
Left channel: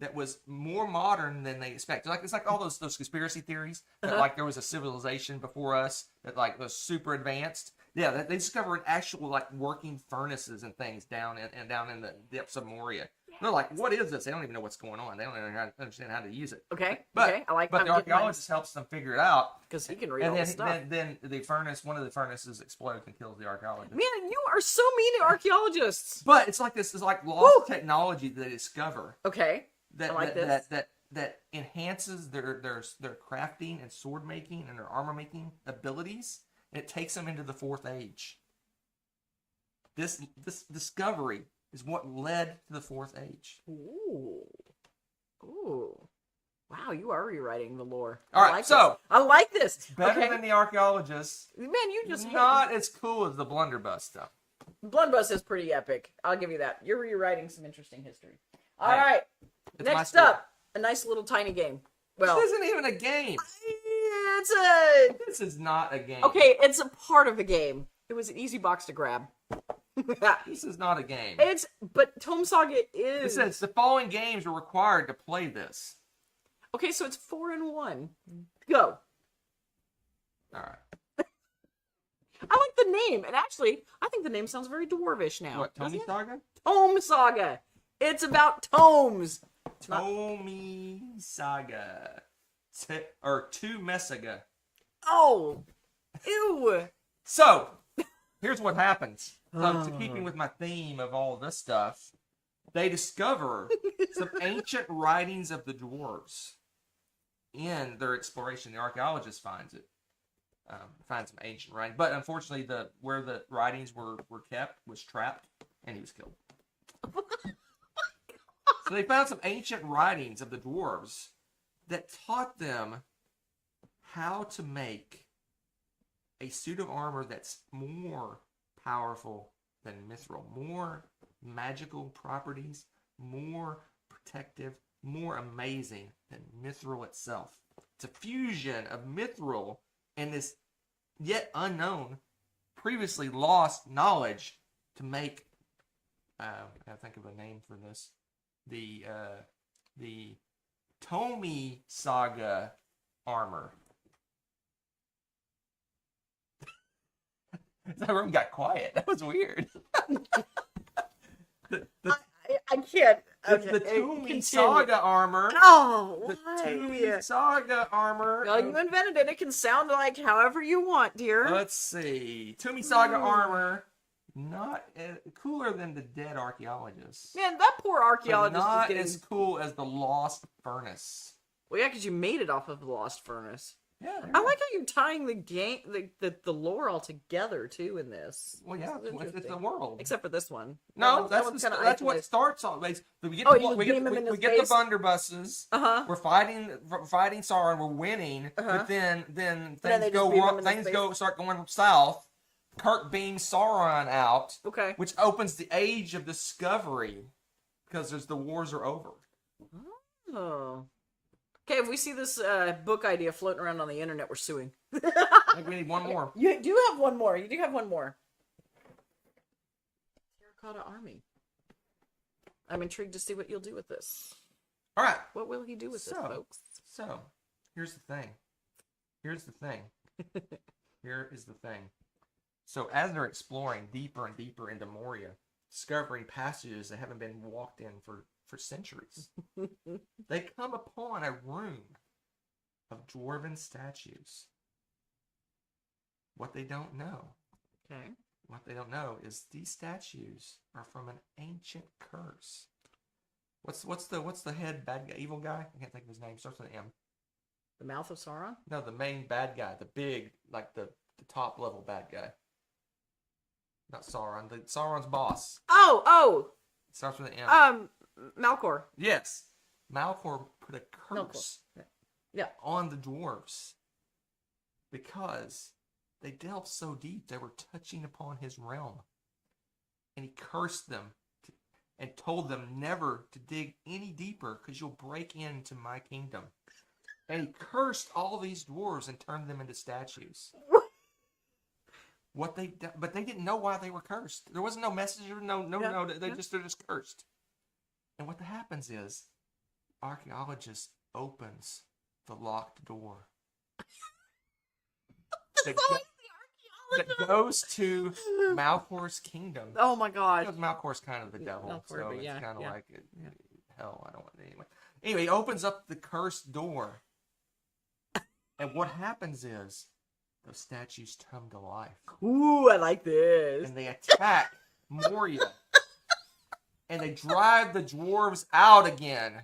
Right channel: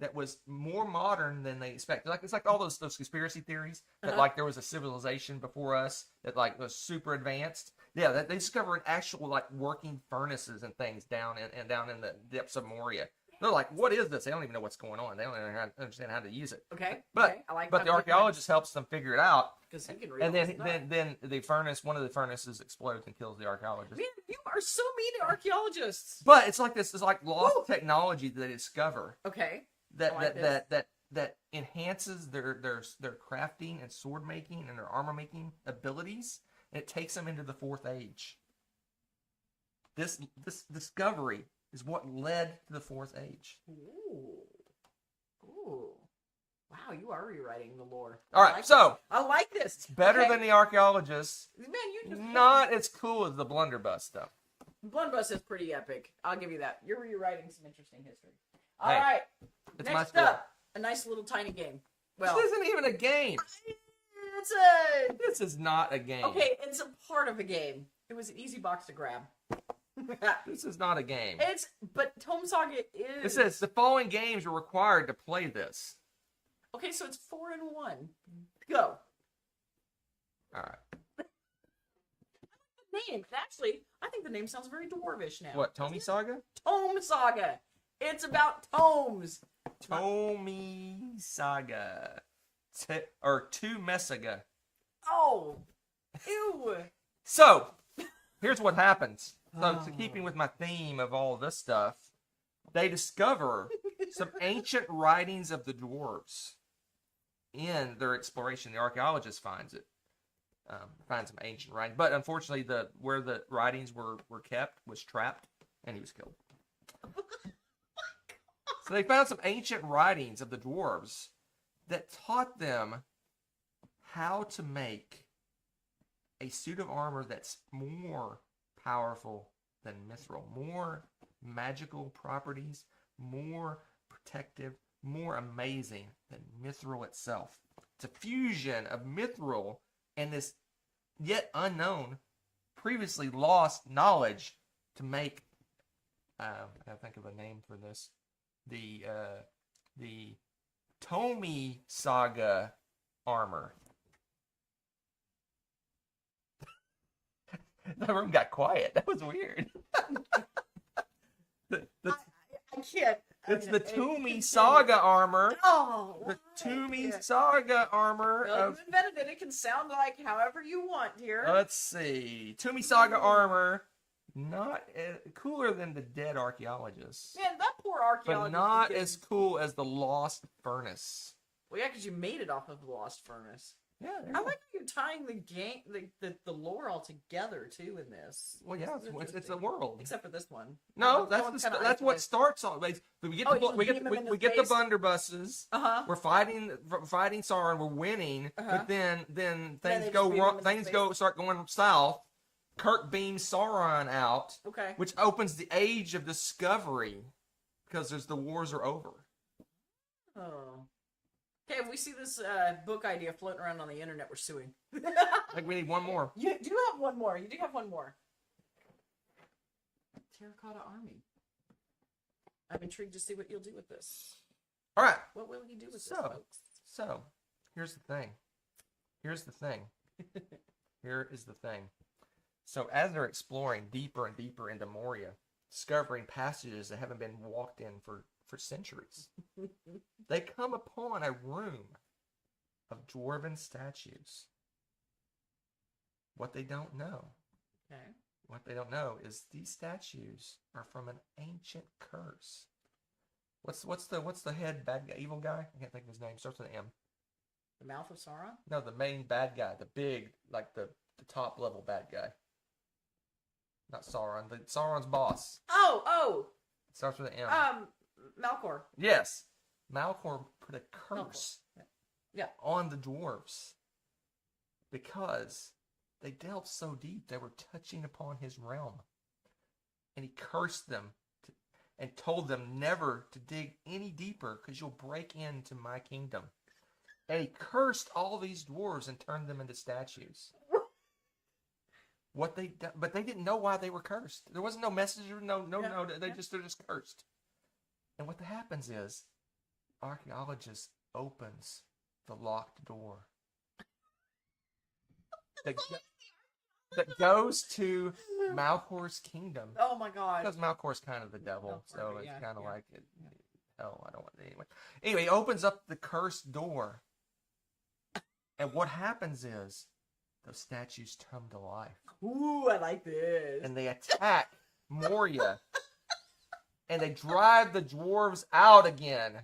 that was more modern than they expected. It's like all those conspiracy theories that like there was a civilization before us that like was super advanced. Yeah, they discover an actual like working furnaces and things down in the depths of Moria. Yeah. They're like, what is this? They don't even know what's going on. They don't even understand how to use it. Okay. But but the archaeologist helps them figure it out because he can read all this stuff. And then one of the furnaces explodes and kills the archaeologist. Man, you are so mean to archaeologists. But it's like this is like lost technology that they discover. Okay. That enhances their crafting and sword making and their armor making abilities, and it takes them into the Fourth Age. This discovery is what led to the Fourth Age. Ooh. Wow, you are rewriting the lore. All right, I like this. It's better than the archaeologists. Man, you just not as cool as the blunderbuss stuff. Blunderbuss is pretty epic. I'll give you that. You're rewriting some interesting history. All right. Next up, a nice little tiny game. Well, this isn't even a game. This is not a game. Okay, it's a part of a game. It was an easy box to grab. This is not a game. But Tome Saga is. It says the following games are required to play this. Okay, so it's 4 in 1. Go. All right. I like the name, and actually, I think the name sounds very dwarvish now. What, Tome Saga? Tome Saga. It's about tomes. Tomi Saga. Or Tu Messaga. Oh, ew. So, here's what happens. So, to keeping with my theme of all this stuff, they discover some ancient writings of the dwarves. In their exploration, the archaeologist finds it. Finds some ancient writing. But unfortunately, where the writings were kept was trapped, and he was killed. So they found some ancient writings of the dwarves that taught them how to make a suit of armor that's more powerful than mithril, more magical properties, more protective, more amazing than mithril itself. It's a fusion of mithril and this yet unknown, previously lost knowledge to make, I gotta think of a name for this, the Tomi Saga armor. That room got quiet. That was weird. I can't. It's the Tomi Saga armor. Oh, The why? Tomi Saga armor. Well, you invented it. It can sound like however you want, dear. Let's see. Tomi Saga armor. Not cooler than the dead archaeologist. Man, that poor But archaeologist not is getting... as cool as the Lost Furnace. Well, yeah, because you made it off of the Lost Furnace. Yeah. I like how you're tying the game, the lore all together too in this. Well, yeah, This is it's a interesting. world. Except for this one. No, That that's one's kinda what isolated. starts all. We get Oh, the, you just we beam him get, in we his get the face? blunderbusses. Uh-huh. We're fighting Sauron. We're winning, Uh-huh. but then Then things they go just beam him wrong. in his Things face? start going south. Kirk beams Sauron out, Okay. which opens the Age of Discovery because the wars are over. Oh. Okay, if we see this book idea floating around on the internet, we're suing. I think we need one more. You do have one more. You do have one more. Terracotta Army. I'm intrigued to see what you'll do with this. All right. What will he do with this, folks? So, here's the thing. Here is the thing. So, as they're exploring deeper and deeper into Moria, discovering passages that haven't been walked in for centuries, they come upon a room of dwarven statues. What they don't know is these statues are from an ancient curse. What's the head bad guy, evil guy? I can't think of his name. Starts with an M. The Mouth of Sauron? No, the main bad guy, the big, like the top level bad guy. Not Sauron, Sauron's boss. Oh! Starts with an M. Malcor. Yes. Malcor put a curse on the dwarves because they delved so deep they were touching upon his realm. And he cursed them and told them never to dig any deeper because you'll break into my kingdom. And he cursed all these dwarves and turned them into statues. But they didn't know why they were cursed. There wasn't no messenger, no. They're just cursed. And what happens is, archaeologist opens the locked door that goes to Malcor's kingdom. Oh my god. Because Malcor's kind of the devil, Malcor, so but it's yeah, kind of yeah. like hell. I don't want anyway. Anyway, he opens up the cursed door, and what happens is those statues come to life. Ooh, I like this. And they attack Moria. And they drive the dwarves out again.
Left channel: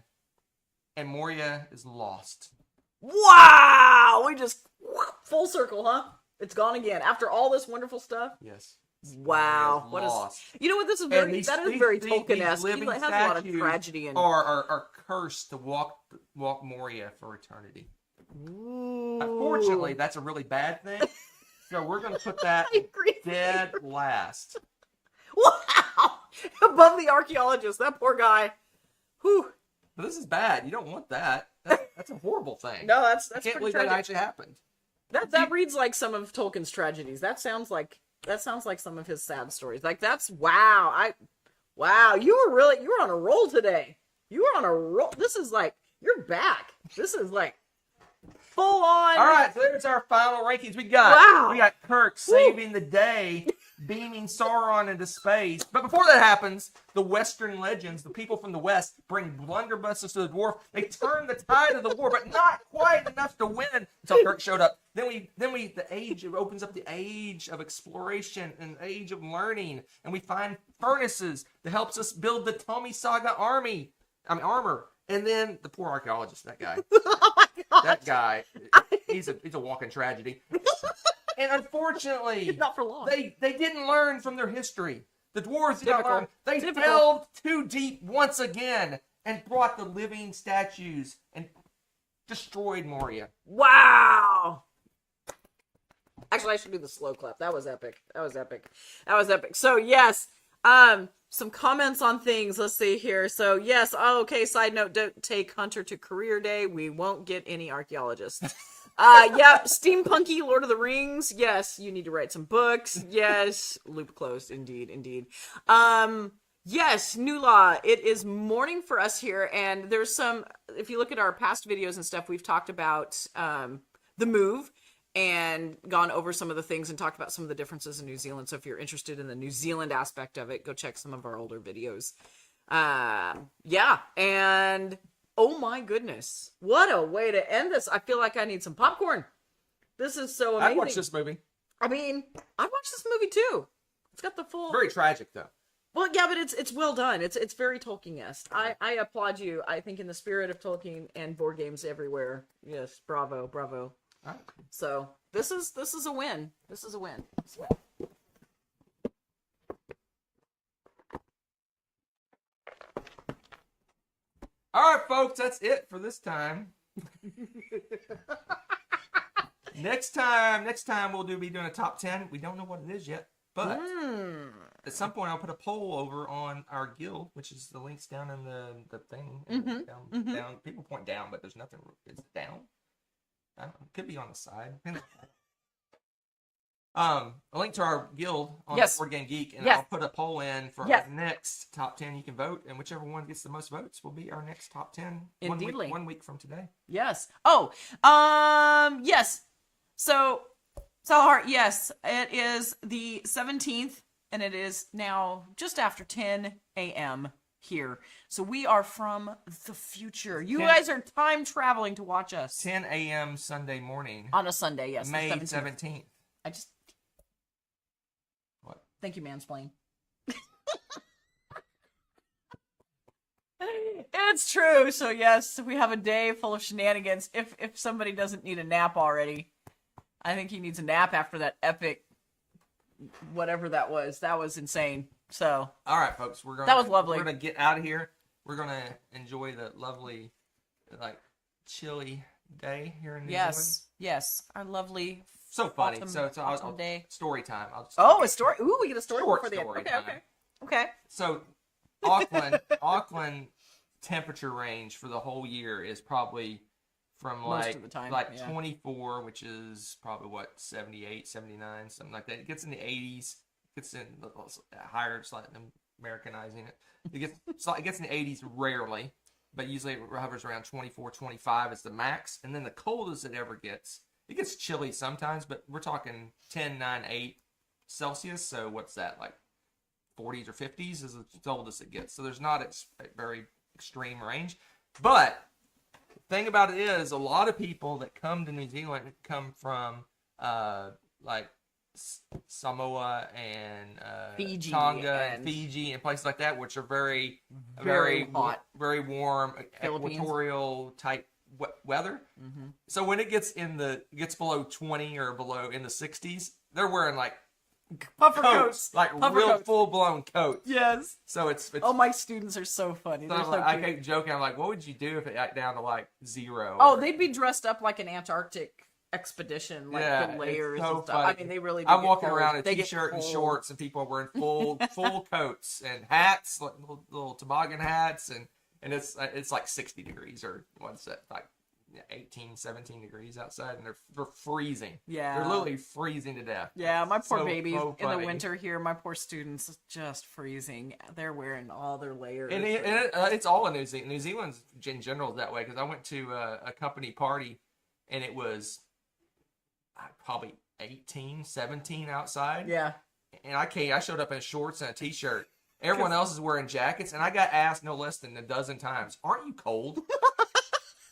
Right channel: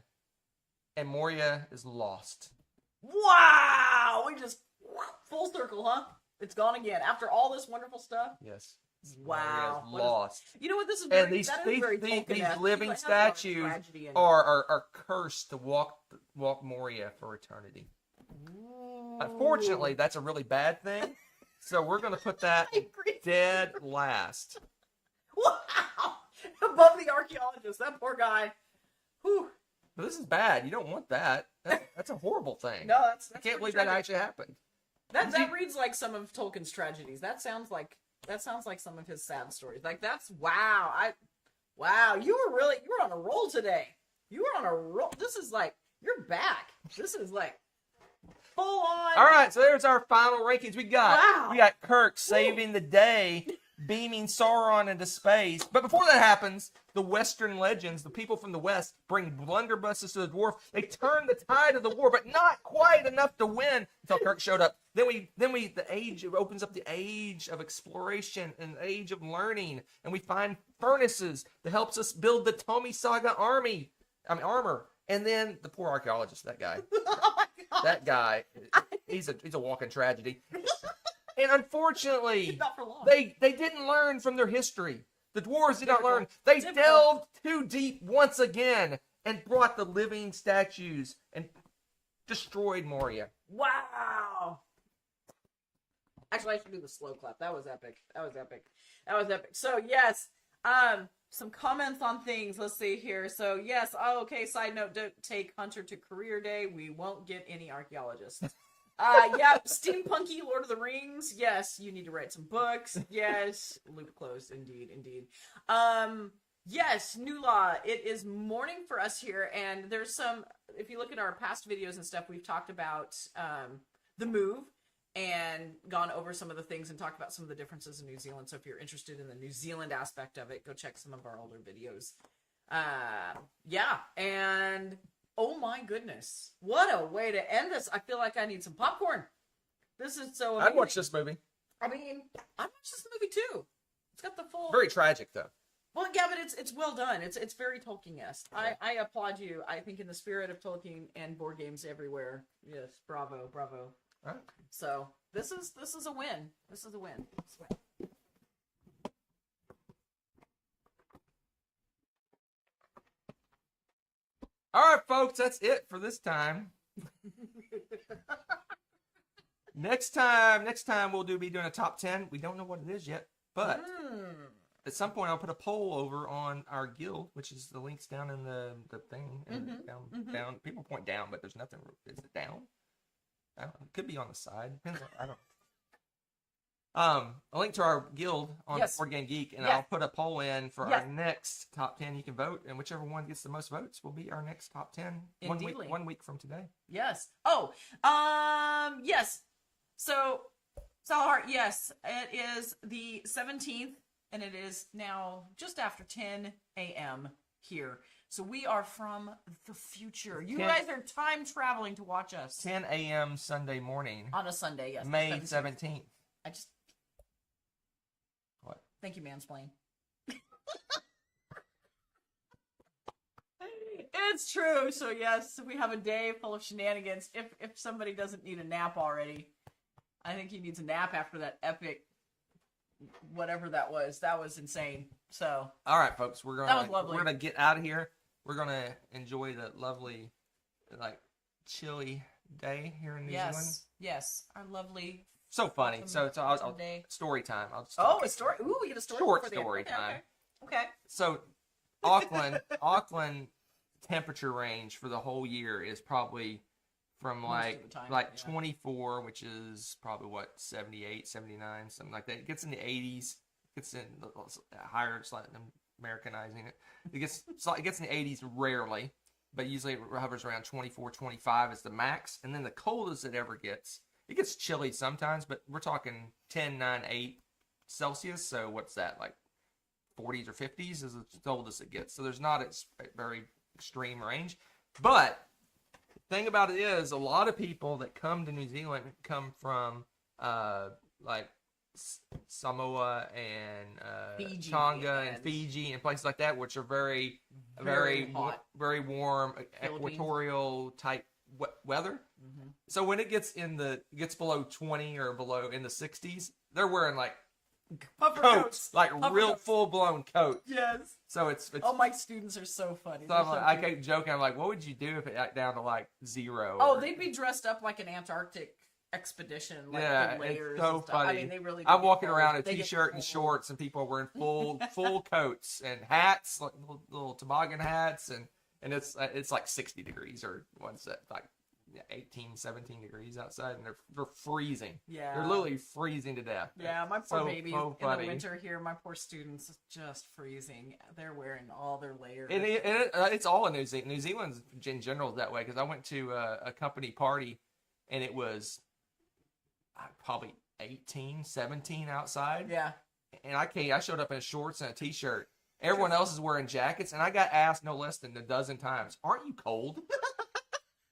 And Moria is lost. Wow! We just full circle, huh? It's gone again. After all this wonderful stuff? Yes. Wow. Moria's What lost. You know what? This is very, And these very these Tolkien-esque. living He has a lot of statues tragedy in are cursed to walk Moria for eternity. Ooh. Unfortunately, that's a really bad thing. So we're going to put that I agree. dead last. Wow! Above the archaeologist. That poor guy. Whew. But this is bad. You don't want that. That's a horrible thing. No, that's I can't pretty believe tragic. that actually happened. That reads like some of Tolkien's tragedies. That sounds like some of his sad stories. Like that's wow. Wow, you were on a roll today. You were on a roll. This is like you're back. This is like full on. All right, so there's our final rankings. We got Wow. Kirk saving the day beaming Sauron into space. But before that happens, the Western legends, the people from the West, bring blunderbusses to the dwarf. They turn the tide of the war, but not quite enough to win until Kirk showed up. The age opens up the age of exploration and the age of learning, and we find furnaces that helps us build the Tommy Saga armor. And then the poor archaeologist, that guy. Oh my God. That guy, he's a walking tragedy. And unfortunately, Not for long. they didn't learn from their history. The dwarves did not Typical. learn. They Typical. delved too deep once again and brought the living statues and destroyed Moria. Wow. Actually, I should do the slow clap. That was epic. So, yes, some comments on things. Let's see here. So, yes, okay, side note, don't take Hunter to career day. We won't get any archaeologists. Yep, steampunky Lord of the Rings. Yes, you need to write some books. Yes, loop closed. Indeed. Yes, new law. It is morning for us here, and there's some, if you look at our past videos and stuff, we've talked about the move and gone over some of the things and talked about some of the differences in New Zealand. So if you're interested in the New Zealand aspect of it, go check some of our older videos. Yeah, and oh my goodness, what a way to end this. I feel like I need some popcorn. This is so amazing. I watched this movie. I mean, I watched this movie too. It's got the full... Very tragic, though. Well, yeah, but it's well done. It's very Tolkien-esque. I applaud you. I think in the spirit of Tolkien and board games everywhere. Yes, bravo. Oh. So this is a win. This is a win. All right, folks, that's it for this time. Next time we'll be doing a top 10. We don't know what it is yet, but at some point I'll put a poll over on our guild, which is the links down in the thing. Down. People point down, but there's nothing. Is it down? It could be on the side. I don't. A link to our guild on Board Game Geek, and I'll put a poll in for our next top 10. You can vote, and whichever one gets the most votes will be our next top 10. Indeedly. 1 week from today. Yes. Oh, yes. So Salahart, yes, it is the 17th, and it is now just after 10 a.m. here. So we are from the future. You guys are time traveling to watch us. 10 a.m. Sunday morning. On a Sunday, yes. May 17th. What? Thank you, mansplain. It's true. So yes, we have a day full of shenanigans. If somebody doesn't need a nap already, I think he needs a nap after that epic whatever that was. That was insane. So all right, folks, that was lovely. We're gonna get out of here. We're gonna enjoy the lovely, chilly day here in New Zealand. Yes, our lovely. So funny. So I'll story time. A story. Ooh, we get a story. Short story time. Okay. So Auckland temperature range for the whole year is probably from Most of the time, 24, which is probably 78, 79, something like that. It gets in the 80s. Gets in higher, slightly Americanizing it. It gets in the 80s rarely, but usually it hovers around 24, 25 is the max. And then the coldest it ever gets, it gets chilly sometimes, but we're talking 10, 9, 8 Celsius. So what's that, like 40s or 50s is the coldest it gets. So there's not a very extreme range. But the thing about it is, a lot of people that come to New Zealand come from Samoa and Fiji Tonga and Fiji and places like that, which are very hot, very warm, equatorial type weather. Mm-hmm. So when it gets below 20 or below in the 60s, they're wearing puffer coats, real full blown coats. Yes. So it's oh, my students are so funny. So I keep joking. I'm like, what would you do if it got down to 0? Oh, they'd be dressed up like an Antarctic expedition, the layers so and stuff. Funny. I mean, they really. I'm walking around in a t-shirt and shorts, and people are wearing full coats and hats, little toboggan hats, and it's like 60 degrees or what's that, 18, 17 degrees outside, and they're freezing. Yeah, they're literally freezing to death. Yeah, my poor babies in the winter here. My poor students just freezing. They're wearing all their layers. It's all in New Zealand. New Zealand's in general is that way, because I went to a company party, and it was probably 18, 17 outside. Yeah. and I showed up in shorts and a t-shirt. Everyone else is wearing jackets, and I got asked no less than a dozen times, "Aren't you cold?"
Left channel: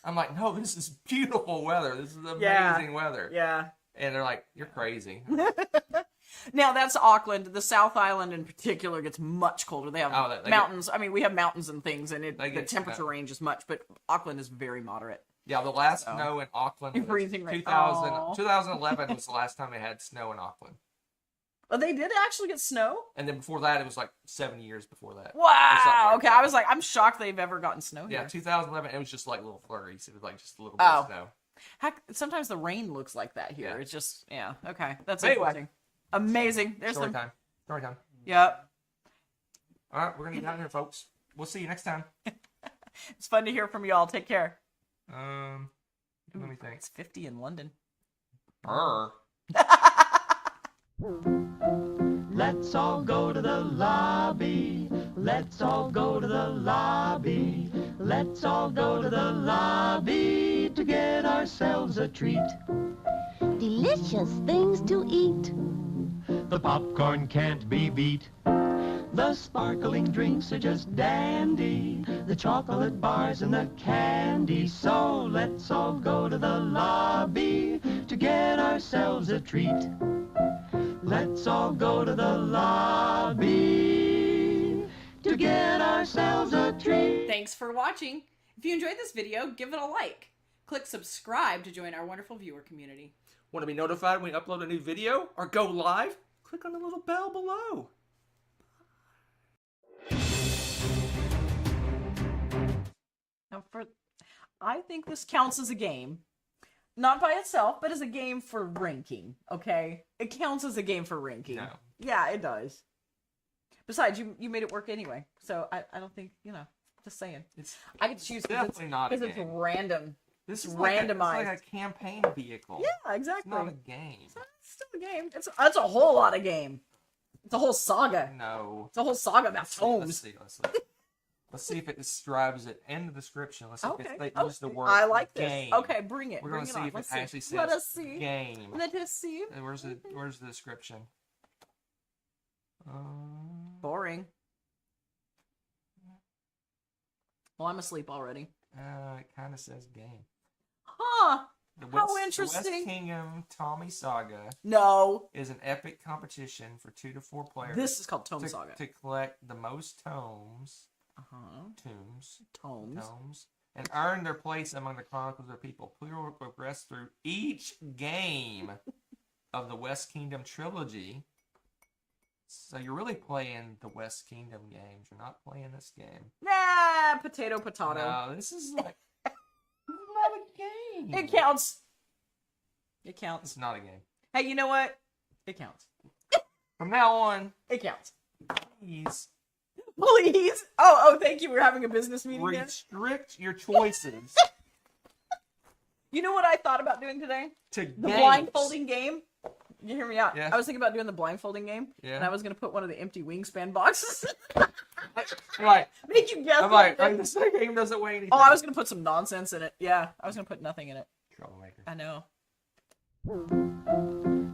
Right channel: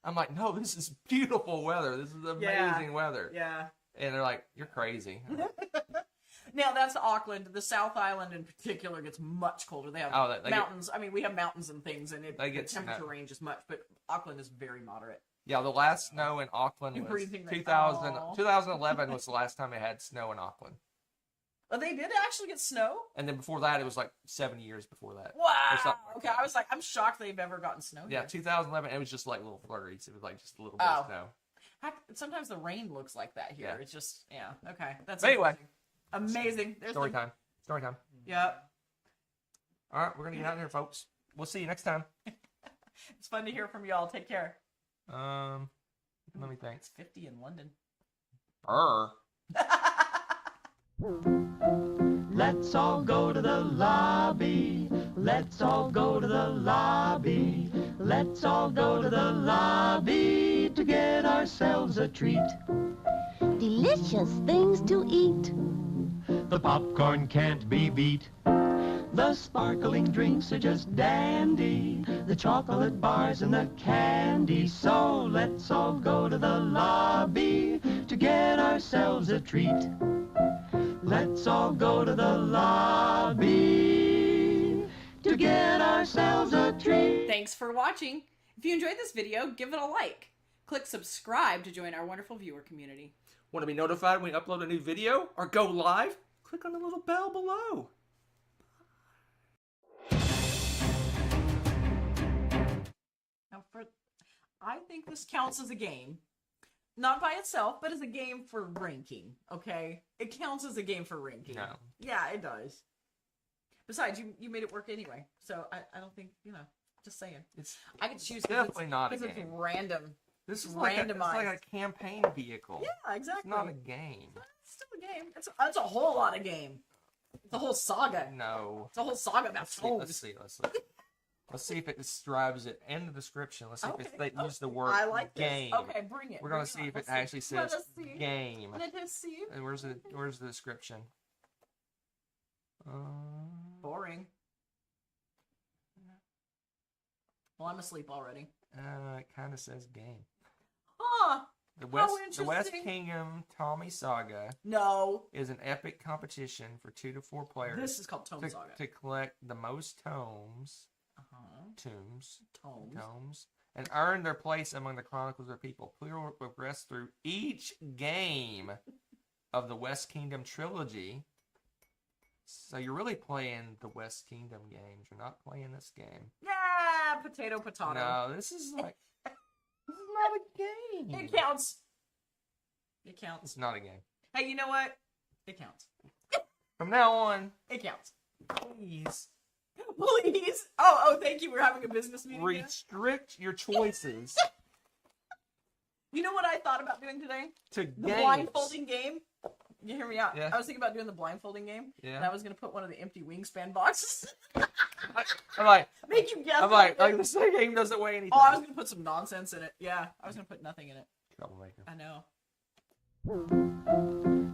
I'm like, "No, this is beautiful weather. This is amazing weather." Yeah. And they're like, "You're crazy." Now that's Auckland. The South Island in particular gets much colder. They have mountains. I mean, we have mountains and things, and the temperature range is much, but Auckland is very moderate. Yeah, the last snow in Auckland was 2011 was the last time it had snow in Auckland. Oh, they did actually get snow? And then before that, it was like 7 years before that. Wow. Like okay, that. I was like, I'm shocked they've ever gotten snow here. Yeah, 2011, it was just like little flurries. It was like just a little bit of snow. Heck, sometimes the rain looks like that here. Yeah. It's just, okay. That's anyway. Interesting. Amazing. There's Story time. Story time. Yep. All right, we're going to get out of here, folks. We'll see you next time. It's fun to hear from y'all. Take care. Let me think. It's 50 in London. Let's all go to the lobby. Let's all go to the lobby. Let's all go to the lobby to get ourselves a treat. Delicious things to eat. The popcorn can't be beat. The sparkling drinks are just dandy. The chocolate bars and the candy. So let's all go to the lobby to get ourselves a treat. Let's all go to the lobby to get ourselves a treat. Thanks for watching. If you enjoyed this video, give it a like. Click subscribe to join our wonderful viewer community. Want to be notified when we upload a new video or go live? Click on the little bell below. Now, I think this counts as a game. Not by itself, but as a game for ranking, okay? It counts as a game for ranking. No. Yeah, it does. Besides, you made it work anyway, so I don't think, just saying. I could choose definitely not a game. Because it's random. This is randomized. It's like a campaign vehicle. Yeah, exactly. It's not a game. It's still a game. That's a whole lot of game. It's a whole saga. No. It's a whole saga about tomes. Let's see if it describes it in the description. Let's see if they use the word I like game. This. Okay, bring it. We're going to see if it actually says Let us see. game. Let us see. And where's the description? Boring. Well, I'm asleep already. It kind of says game. Huh. The How interesting. The West Kingdom Tommy Saga. No. Is an epic competition for 2 to 4 players. This is called Tome Saga. To collect the most tomes. Tomes, and earn their place among the chronicles of people. Player will progress through each game of the West Kingdom trilogy. So you're really playing the West Kingdom games. You're not playing this game. Nah, potato. No, this is like this is not a game. It counts. It counts. It's not a game. Hey, you know what? It counts. From now on, it counts. Please. Please. Oh, thank you. We're having a business meeting. Restrict your choices. You know what I thought about doing today? The blindfolding game. You hear me out? Yeah. I was thinking about doing the blindfolding game. Yeah. And I was going to put one of the empty wingspan boxes. I'm like, make you guess. I'm like this game doesn't weigh anything. Oh, I was going to put some nonsense in it. Yeah. I was going to put nothing in it. Troublemaker. I know.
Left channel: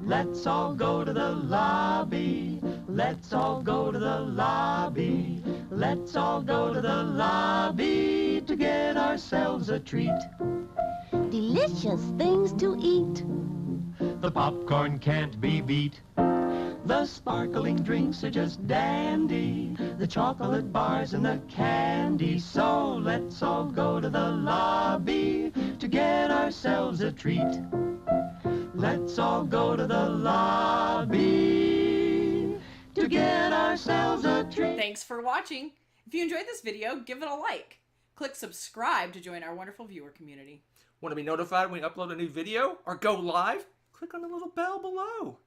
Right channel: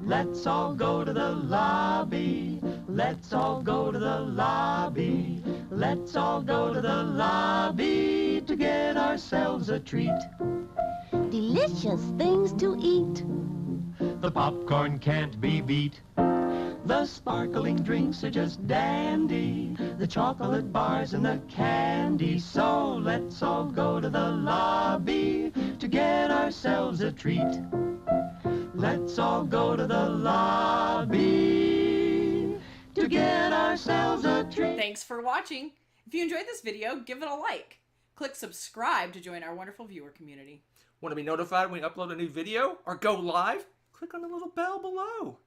Let's all go to the lobby. Let's all go to the lobby. Let's all go to the lobby to get ourselves a treat. Delicious things to eat. The popcorn can't be beat. The sparkling drinks are just dandy. The chocolate bars and the candy. So let's all go to the lobby to get ourselves a treat. Let's all go to the lobby to get ourselves a treat. Thanks for watching. If you enjoyed this video, give it a like. Click subscribe to join our wonderful viewer community. Want to be notified when we upload a new video or go live? Click on the little bell below.